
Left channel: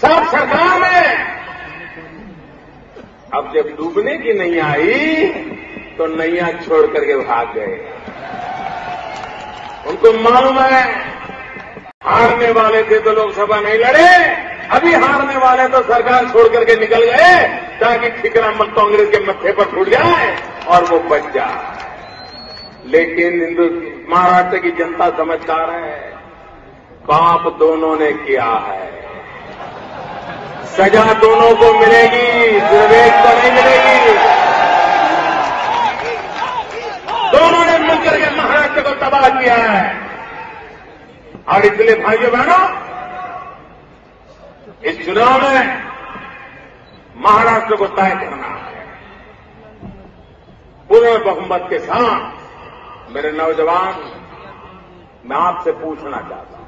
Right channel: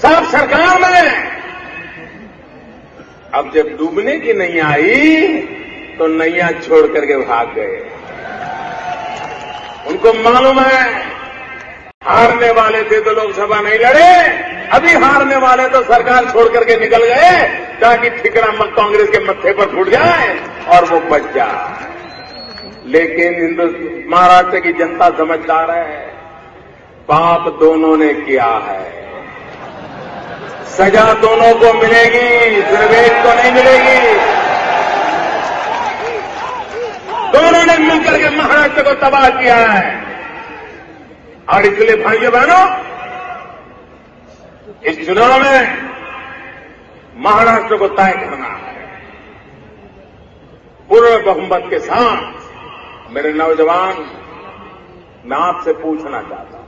सब सरकार में। अब जब डूबने की नैया आई तो नैया छोड़ करके भाग गए। उनको मालूम है हारने वाले थे तो लोकसभा नहीं लड़े, अभी हारने वाले तो सरकार छोड़ करके निकल गए ताकि ठिकरा कांग्रेस के मत्थे पर फूट जाए और वो बच जाए। लेकिन महाराष्ट्र की जनता समझदार है, पाप दोनों ने किया है, सजा दोनों को मिलेगी, सिर्फ एक को नहीं मिलेगी। दोनों ने मिलकर के महाराष्ट्र को तबाह किया है। और इसलिए भाइयों बहनों, इस चुनाव में महाराष्ट्र को तय करना है पूर्ण बहुमत के साथ। मेरे नौजवान, मैं आपसे पूछना चाहता हूं,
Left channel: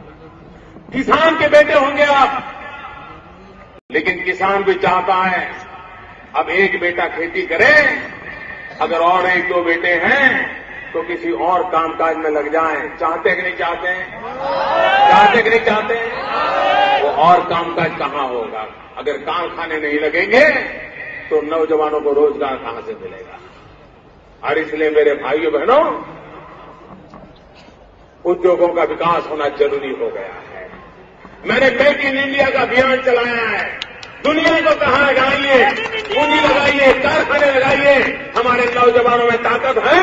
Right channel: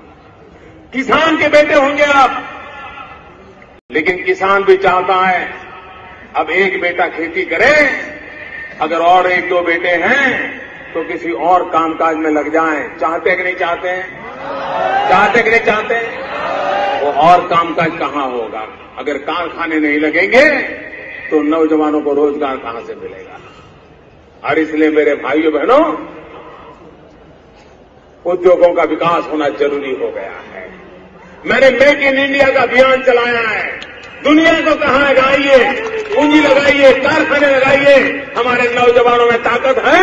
किसान के बेटे होंगे आप, लेकिन किसान भी चाहता है अब एक बेटा खेती करे, अगर और 1-2 बेटे हैं तो किसी और कामकाज में लग जाएं। चाहते कि नहीं चाहते हैं? चाहते कि नहीं चाहते? वो और कामकाज कहां होगा? अगर कारखाने नहीं लगेंगे तो नौजवानों को रोजगार कहां से मिलेगा? और इसलिए मेरे भाइयों बहनों, उद्योगों का विकास होना जरूरी हो गया है। मैंने मेक इन इंडिया का अभियान चलाया है। दुनिया को कहा है आइए पूंजी लगाइए, कारखाने लगाइए। हमारे नौजवानों में ताकत है।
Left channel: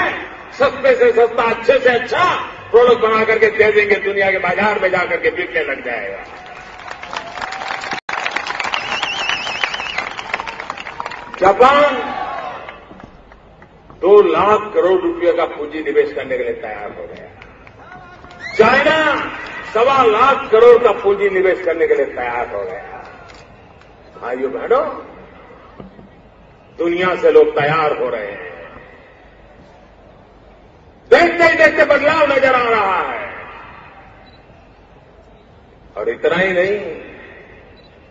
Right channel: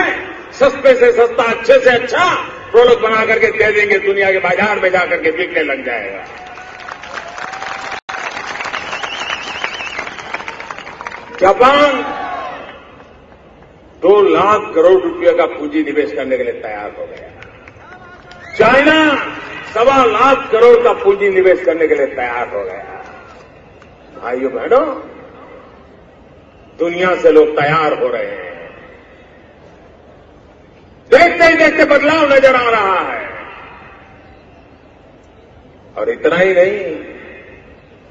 सस्ते से सस्ता, अच्छे से अच्छा प्रोडक्ट बना करके दे देंगे, दुनिया के बाजार में जाकर के बिकने लग जाएगा। जापान 2 लाख करोड़ रुपए का पूंजी निवेश करने के लिए तैयार हो गया। चाइना 1.25 लाख करोड़ का पूंजी निवेश करने के लिए तैयार हो गया। भाइयों बहनों, दुनिया से लोग तैयार हो रहे हैं। देखते ही देखते बदलाव नजर आ रहा है। और इतना ही नहीं,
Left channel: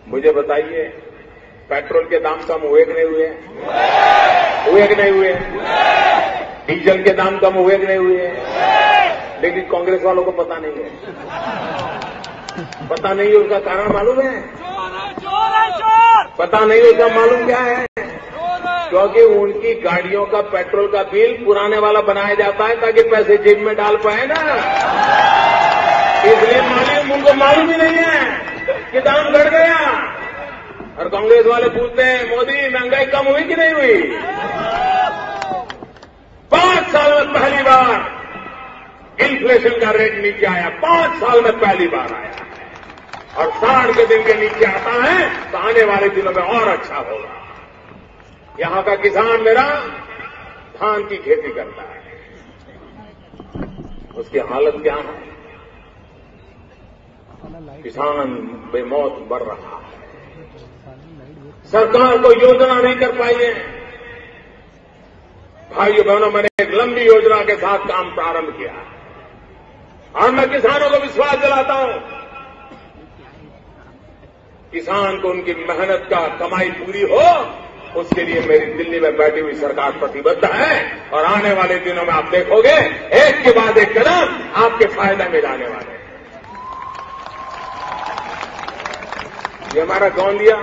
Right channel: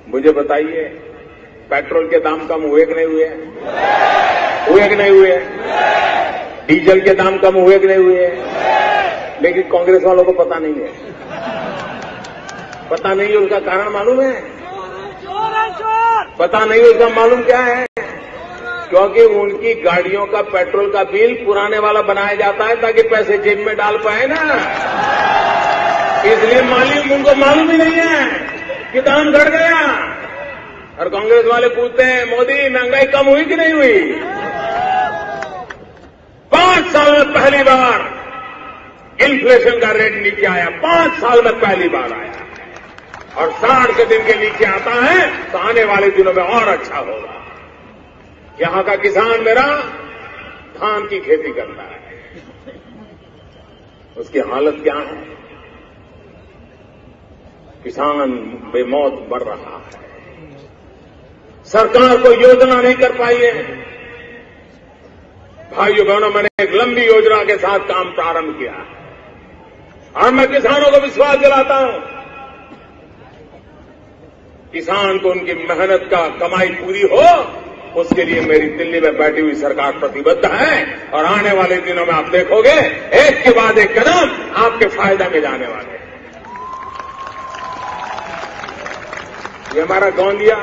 मुझे बताइए, पेट्रोल के दाम कम हुए कि नहीं हुए? हुए कि नहीं हुए? डीजल के दाम कम हुए कि नहीं हुए? लेकिन कांग्रेस वालों को पता नहीं है। पता नहीं है, उसका कारण मालूम है? पता नहीं उसका मालूम क्या है? क्योंकि उनकी गाड़ियों का पेट्रोल का बिल पुराने वाला बनाया जाता है ताकि पैसे जेब में डाल पाए ना। इसलिए मालिक उनको मालूम ही नहीं है कि दाम बढ़ गया। और कांग्रेस वाले पूछते हैं, मोदी महंगाई कम हुई कि नहीं हुई? 5 साल में पहली बार इन्फ्लेशन का रेट नीचे आया। 5 साल में पहली बार आया। और 60 के दिन में नीचे आता है तो आने वाले दिनों में और अच्छा होगा। यहां का किसान मेरा धान की खेती करता है, उसकी हालत क्या है? किसान बेमौत मर रहा है। सरकार को योजना नहीं कर पाई है। भाइयों बहनों, मैंने एक लंबी योजना के साथ काम प्रारंभ किया और मैं किसानों को विश्वास दिलाता हूं। किसान को उनकी मेहनत का कमाई पूरी हो, उसके लिए मेरी दिल्ली में बैठी हुई सरकार प्रतिबद्ध है। और आने वाले दिनों में आप देखोगे, एक के बाद एक कदम आपके फायदा में जाने वाले हैं। हमारा गोंदिया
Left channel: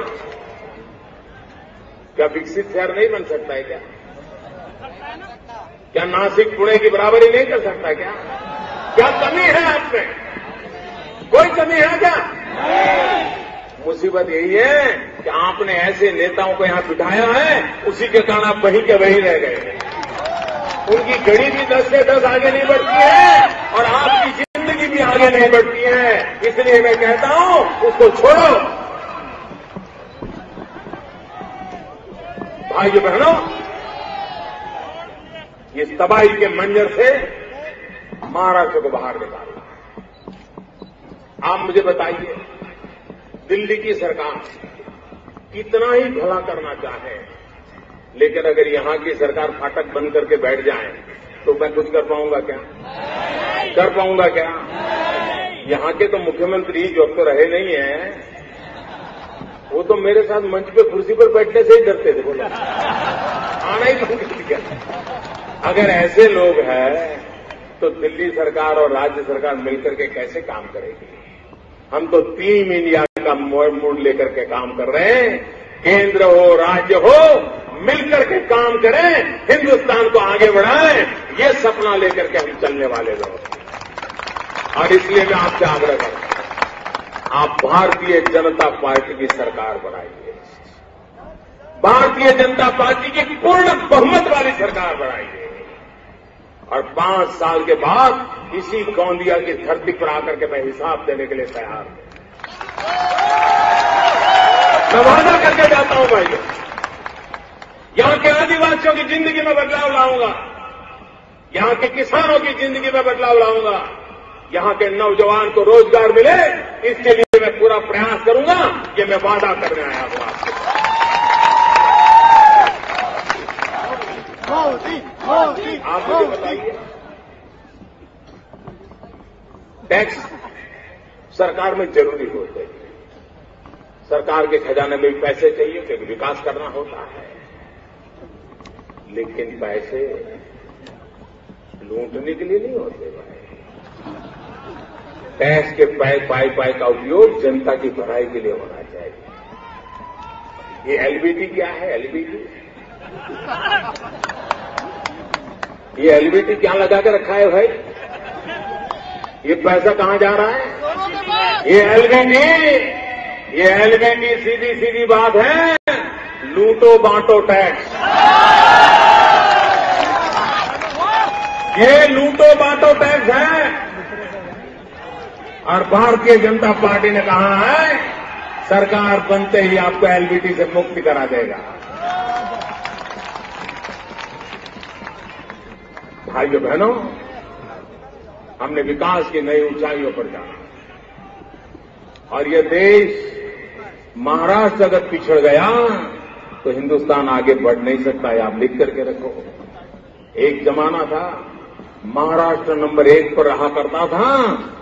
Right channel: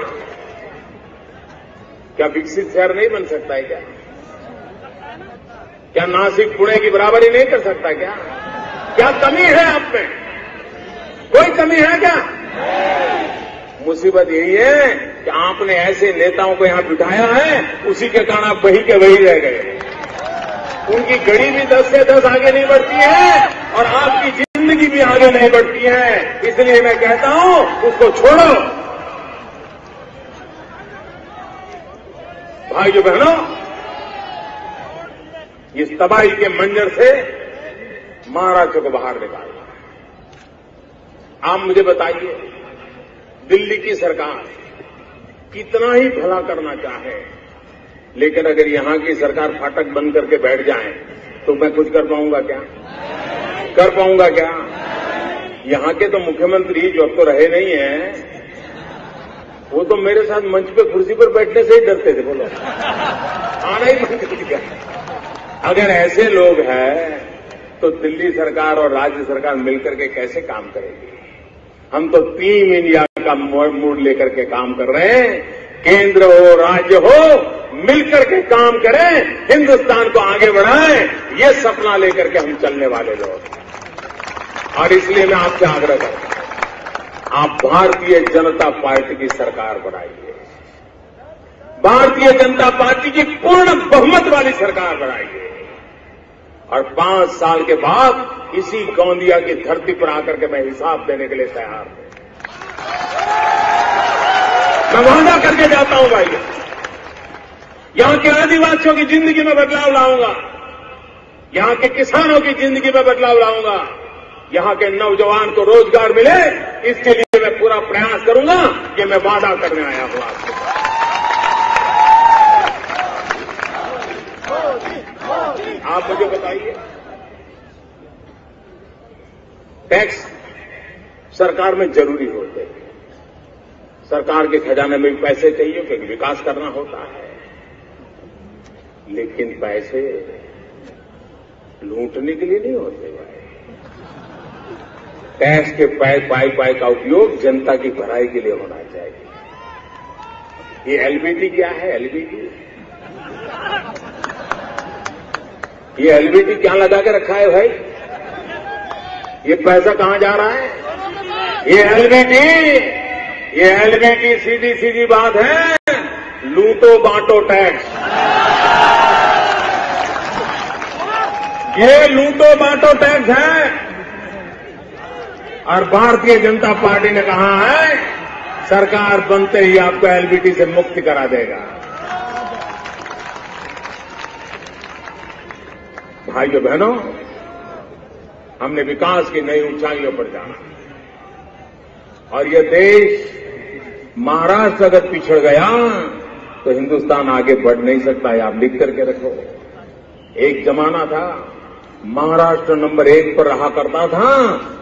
क्या विकसित शहर नहीं बन सकता है क्या? क्या नासिक पुणे की बराबरी नहीं कर सकता क्या? क्या कमी है आप में? कोई कमी है क्या? मुसीबत यही है कि आपने ऐसे नेताओं को यहां बिठाया है, उसी के कारण आप वही के वही रह गए। उनकी घड़ी भी 10 से 10 आगे नहीं बढ़ती है और आपकी जिंदगी भी आगे नहीं बढ़ती है। इसलिए मैं कहता हूं, उसको छोड़ो। भाइयों बहनों, इस तबाही के मंजर से महाराष्ट्र को बाहर निकालना है। आप मुझे बताइए, दिल्ली की सरकार कितना ही भला करना चाहे, लेकिन अगर यहां की सरकार फाटक बंद करके बैठ जाए तो मैं कुछ कर पाऊंगा क्या? कर पाऊंगा क्या? यहां के तो मुख्यमंत्री जो अब तो रहे नहीं है, वो तो मेरे साथ मंच पे कुर्सी पर बैठने से ही डरते थे। बोलो, आना ही बंद कर दिया। अगर ऐसे लोग हैं तो दिल्ली सरकार और राज्य सरकार मिलकर के कैसे काम करेगी? हम तो टीम इंडिया का मूड लेकर के काम कर रहे हैं। केंद्र हो, राज्य हो, मिलकर के काम करें, हिंदुस्तान को आगे बढ़ाएं, ये सपना लेकर के हम चलने वाले लोग। और इसलिए मैं आपसे आग्रह करता हूं, आप भारतीय जनता पार्टी की सरकार बनाइए। भारतीय जनता पार्टी की पूर्ण बहुमत वाली सरकार बनाइए। और 5 साल के बाद इसी गोंदिया की धरती पर आकर के मैं हिसाब देने के लिए तैयार हूं। मैं वादा करके जाता हूं भाई, यहां के आदिवासियों की जिंदगी में बदलाव लाऊंगा, यहां के किसानों की जिंदगी में बदलाव लाऊंगा, यहां के नौजवान को रोजगार मिले, इसके लिए मैं पूरा प्रयास करूंगा। ये मैं वादा करने आया हूं आपसे। आप मुझे बताइए, टैक्स सरकार में जरूरी होते हैं। सरकार के खजाने में भी पैसे चाहिए क्योंकि विकास करना होता है, लेकिन पैसे लूटने के लिए नहीं होते। टैक्स के पाई का उपयोग जनता की भलाई के लिए होना चाहिए। ये एलबीटी क्या है? एलबीटी, ये एलबीटी क्या लगा के रखा है भाई? ये पैसा कहां जा रहा है? ये एलबीटी सीधी सीधी बात है, लूटो बांटो टैक्स। ये लूटो बांटो टैक्स है। और भारतीय जनता पार्टी ने कहा है सरकार बनते ही आपको एलबीटी से मुक्ति करा देगा। भाइयों बहनों, हमने विकास की नई ऊंचाइयों पर जाना और ये देश महाराष्ट्र अगर पिछड़ गया तो हिंदुस्तान आगे बढ़ नहीं सकता है। आप लिख करके रखो। एक जमाना था महाराष्ट्र नंबर 1 पर रहा करता था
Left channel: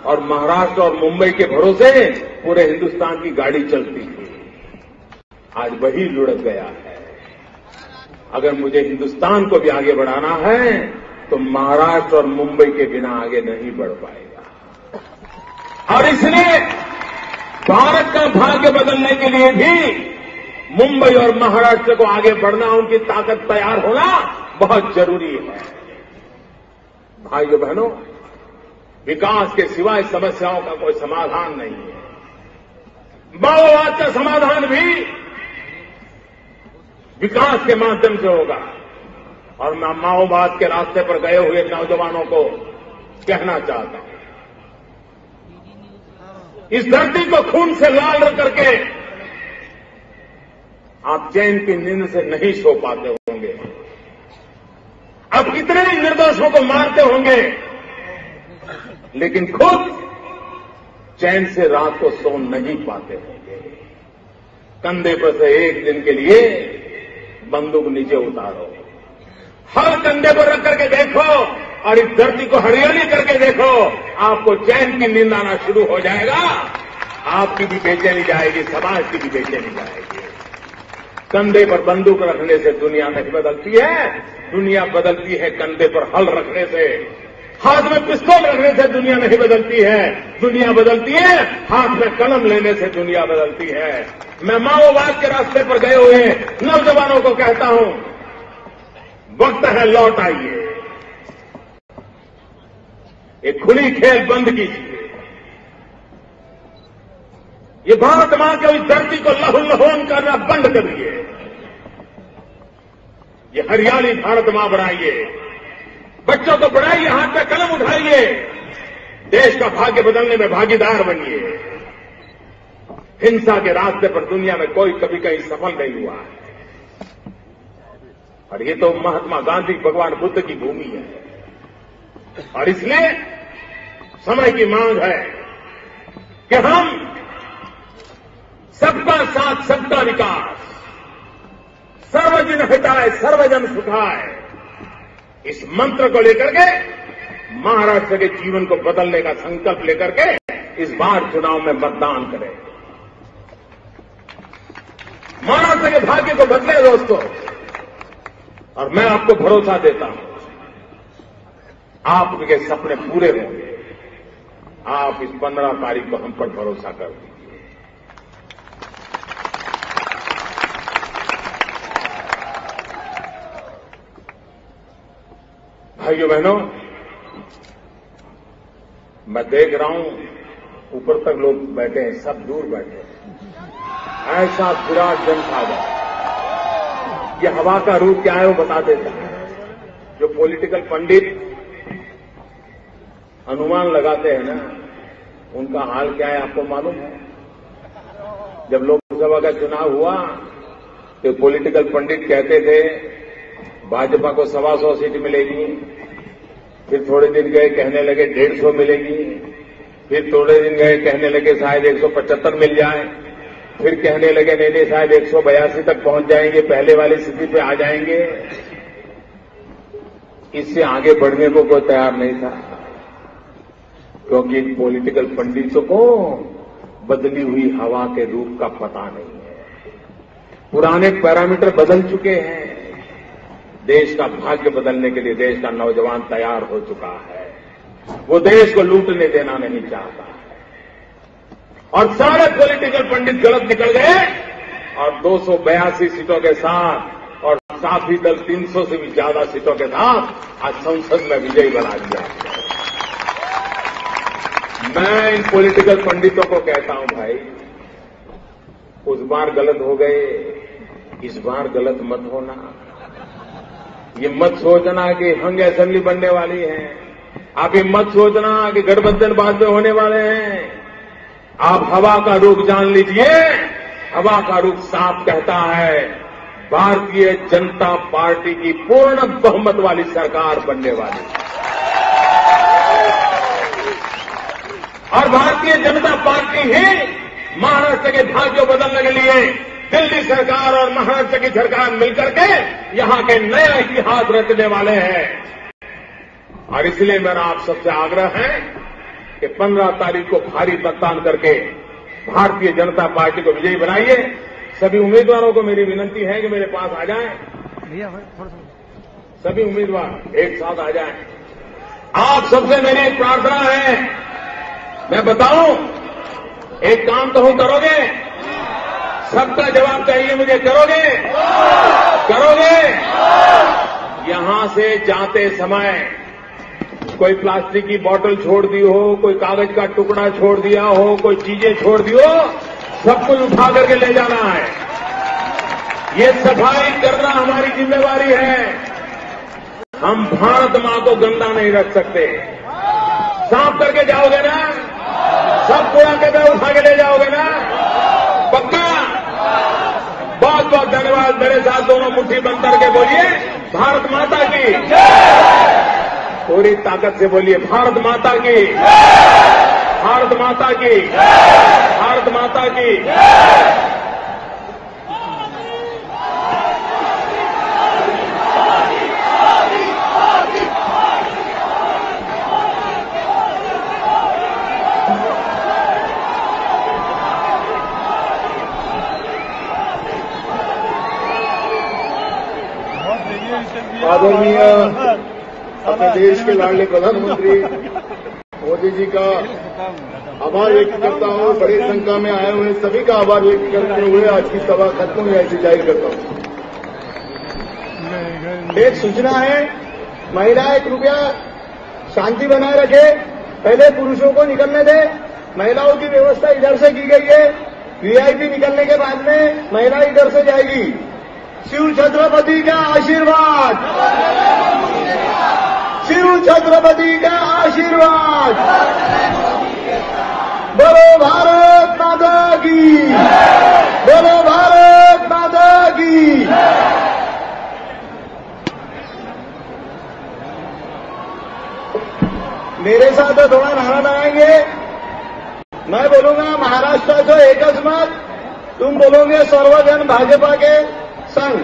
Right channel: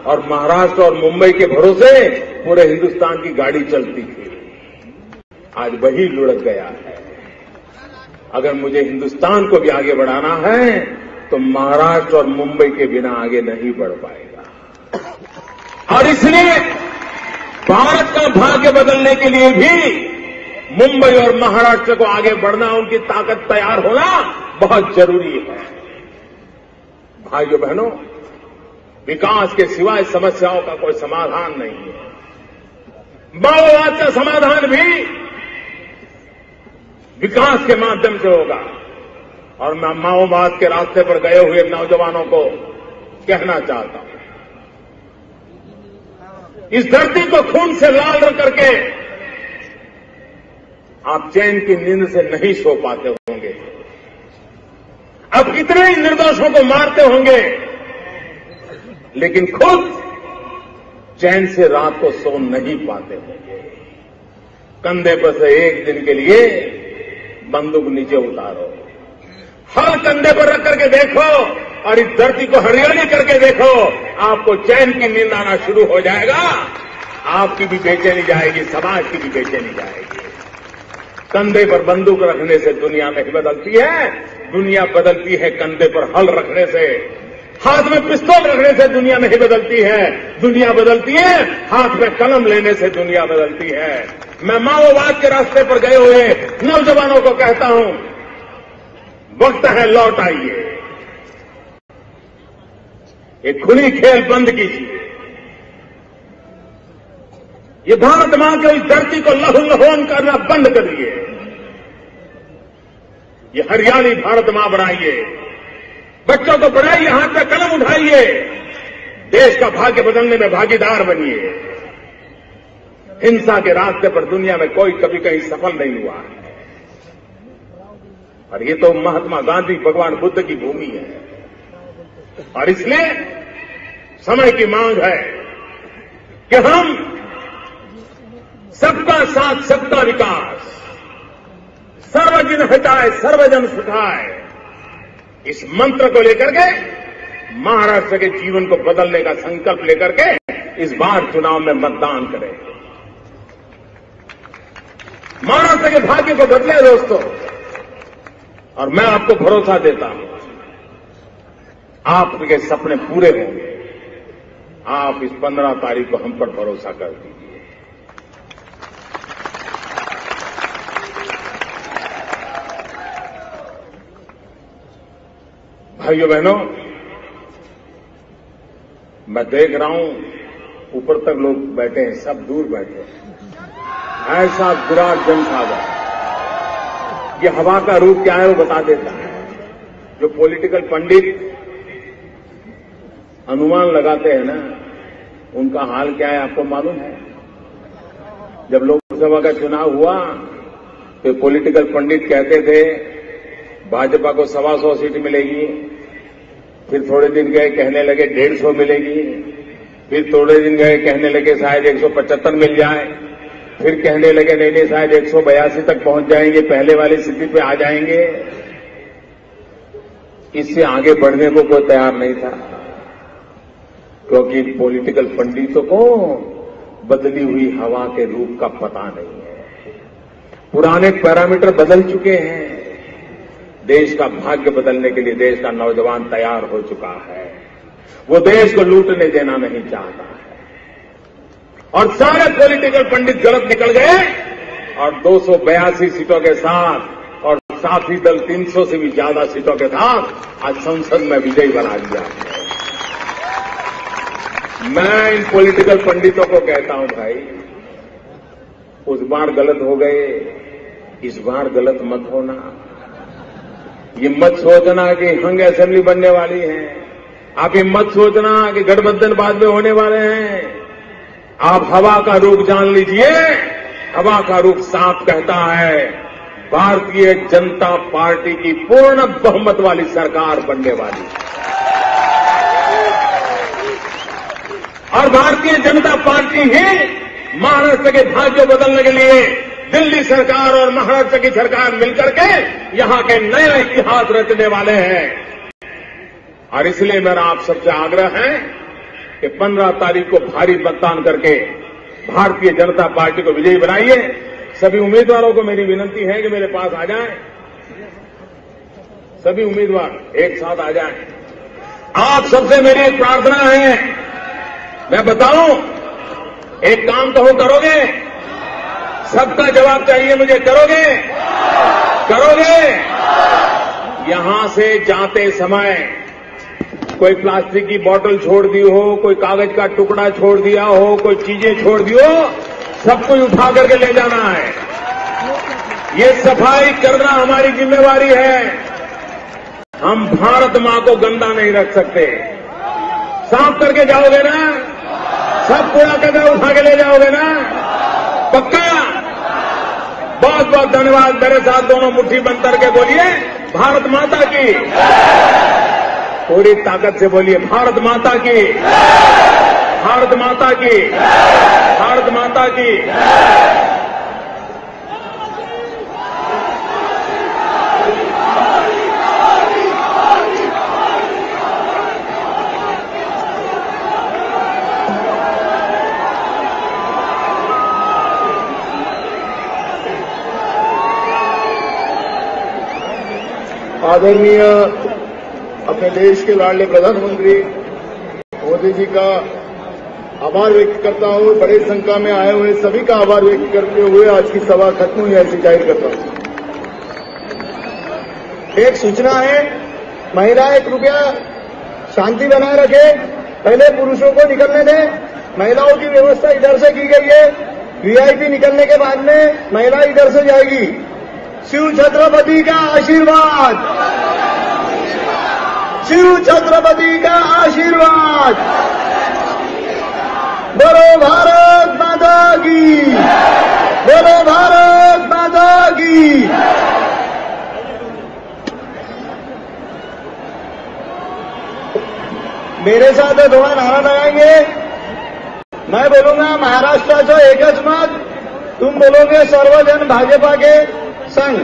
और महाराष्ट्र और मुंबई के भरोसे पूरे हिंदुस्तान की गाड़ी चलती थी। आज वही लुढ़क गया है। अगर मुझे हिंदुस्तान को भी आगे बढ़ाना है तो महाराष्ट्र और मुंबई के बिना आगे नहीं बढ़ पाएगा। और इसलिए भारत का भाग्य बदलने के लिए भी मुंबई और महाराष्ट्र को आगे बढ़ना, उनकी ताकत तैयार होना बहुत जरूरी है। भाइयों बहनों, विकास के सिवाय समस्याओं का कोई समाधान नहीं है। माओवाद का समाधान भी विकास के माध्यम से होगा। और मैं माओवाद के रास्ते पर गए हुए नौजवानों को कहना चाहता हूं, इस धरती को खून से लाल रंग करके आप चैन की नींद से नहीं सो पाते होंगे। अब कितने ही निर्दोषों को मारते होंगे, लेकिन खुद चैन से रात को सो नहीं पाते होंगे। कंधे पर से एक दिन के लिए बंदूक नीचे उतारो, हर कंधे पर रख करके देखो और इस धरती को हरियाली करके देखो, आपको चैन की नींद आना शुरू हो जाएगा। आपकी भी बेचैनी जाएगी, समाज की भी बेचैनी जाएगी। कंधे पर बंदूक रखने से दुनिया नहीं बदलती है। दुनिया बदलती है कंधे पर हल रखने से। हाथ में पिस्तौल रखने से दुनिया नहीं बदलती है। दुनिया बदलती है हाथ में कलम लेने से दुनिया बदलती है। मैं माओवाद के रास्ते पर गए हुए नौजवानों को कहता हूं, वक्त है लौट आइए। ये खुली खेल बंद कीजिए। ये भारत मां की इस धरती को लहूलुहान करना बंद करिए। ये हरियाली भारत मां बढ़ाइए। बच्चों को बढ़ाइए, हाथ में कलम उठाइए। देश का भाग्य बदलने में भागीदार बनिए। हिंसा के रास्ते पर दुनिया में कोई कभी कहीं सफल नहीं हुआ है। और ये तो महात्मा गांधी, भगवान बुद्ध की भूमि है। और इसलिए समय की मांग है कि हम सबका साथ सबका विकास, सर्वजन हिताय सर्वजन सुखाय, इस मंत्र को लेकर के महाराष्ट्र के जीवन को बदलने का संकल्प लेकर के इस बार चुनाव में मतदान करें। महाराष्ट्र के भाग्य को बदले दोस्तों। और मैं आपको भरोसा देता हूं, आपके सपने पूरे होंगे। आप इस 15 तारीख को हम पर भरोसा कर दीजिए। भाइयों बहनों, मैं देख रहा हूं ऊपर तक लोग बैठे हैं, सब दूर बैठे हैं। ऐसा बुरा दिन आ गया। ये हवा का रूप क्या है वो बता देता है। जो पॉलिटिकल पंडित अनुमान लगाते हैं ना, उनका हाल क्या है आपको मालूम है? जब लोकसभा का चुनाव हुआ तो पॉलिटिकल पंडित कहते थे भाजपा को 125 सीट मिलेगी। फिर थोड़े दिन गए कहने लगे 150 मिलेगी। फिर थोड़े दिन गए कहने लगे शायद 175 मिल जाए। फिर कहने लगे नहीं शायद 182 तक पहुंच जाएंगे, पहले वाली स्थिति पे आ जाएंगे। इससे आगे बढ़ने को कोई तैयार नहीं था, क्योंकि पॉलिटिकल पंडितों को बदली हुई हवा के रूप का पता नहीं है। पुराने पैरामीटर बदल चुके हैं। देश का भाग्य बदलने के लिए देश का नौजवान तैयार हो चुका है। वो देश को लूटने देना नहीं चाहता है। और सारे पॉलिटिकल पंडित गलत निकल गए और 282 सीटों के साथ और साथी दल 300 से भी ज्यादा सीटों के साथ आज संसद में विजयी बना दिया। मैं इन पॉलिटिकल पंडितों को कहता हूं, भाई उस बार गलत हो गए, इस बार गलत मत होना। ये मत सोचना कि हंग असेंबली बनने वाली है। आप ये मत सोचना कि गठबंधन बाद में होने वाले हैं। आप हवा का रुख जान लीजिए। हवा का रुख साफ कहता है भारतीय जनता पार्टी की पूर्ण बहुमत वाली सरकार बनने वाली है। और भारतीय जनता पार्टी ही महाराष्ट्र के भाग्य बदलने के लिए दिल्ली सरकार और महाराष्ट्र की सरकार मिलकर के यहां के नए इतिहास रचने वाले हैं। और इसलिए मेरा आप सबसे आग्रह है कि 15 तारीख को भारी मतदान करके भारतीय जनता पार्टी को विजयी बनाइए। सभी उम्मीदवारों को मेरी विनती है कि मेरे पास आ जाएं। सभी उम्मीदवार एक साथ आ जाएं। आप सबसे मेरी प्रार्थना है, मैं बताऊं, एक काम तो करोगे, सबका जवाब चाहिए मुझे, करोगे? करोगे? यहां से जाते समय कोई प्लास्टिक की बोतल छोड़ दी हो, कोई कागज का टुकड़ा छोड़ दिया हो, कोई चीजें छोड़ दी हो, सब कुछ उठा करके ले जाना है। ये सफाई करना हमारी जिम्मेवारी है। हम भारत मां को गंदा नहीं रख सकते। साफ करके जाओगे ना? सब पूरा कदम उठा के ले जाओगे ना? पक्का? बहुत बहुत धन्यवाद। मेरे साथ दोनों मुट्ठी बंद करके बोलिए भारत माता की। पूरी ताकत से बोलिए भारत माता की, भारत माता की, भारत माता की। आदरणीय अपने देश के लाडले प्रधानमंत्री मोदी जी का आभार व्यक्त करता हूँ। बड़ी संख्या में आए हुए सभी का आभार व्यक्त करते हुए आज की सभा खत्म हुई ऐसी जाहिर करता हूँ। एक सूचना है, महिलाएं कृपया शांति बनाए रखे। पहले पुरुषों को निकलने दें। महिलाओं की व्यवस्था इधर से की गई है। वीआईपी निकलने के बाद में महिला इधर से जाएगी। शिव छत्रपति का आशीर्वाद, शिव छत्रपति का आशीर्वाद। बोलो भारत माता की, बोलो भारत माता की। मेरे साथ थोड़ा नारा लगाएंगे। मैं बोलूंगा महाराष्ट्राचं एकच मत, तुम बोलोगे सर्वजन भाजपा के संघ।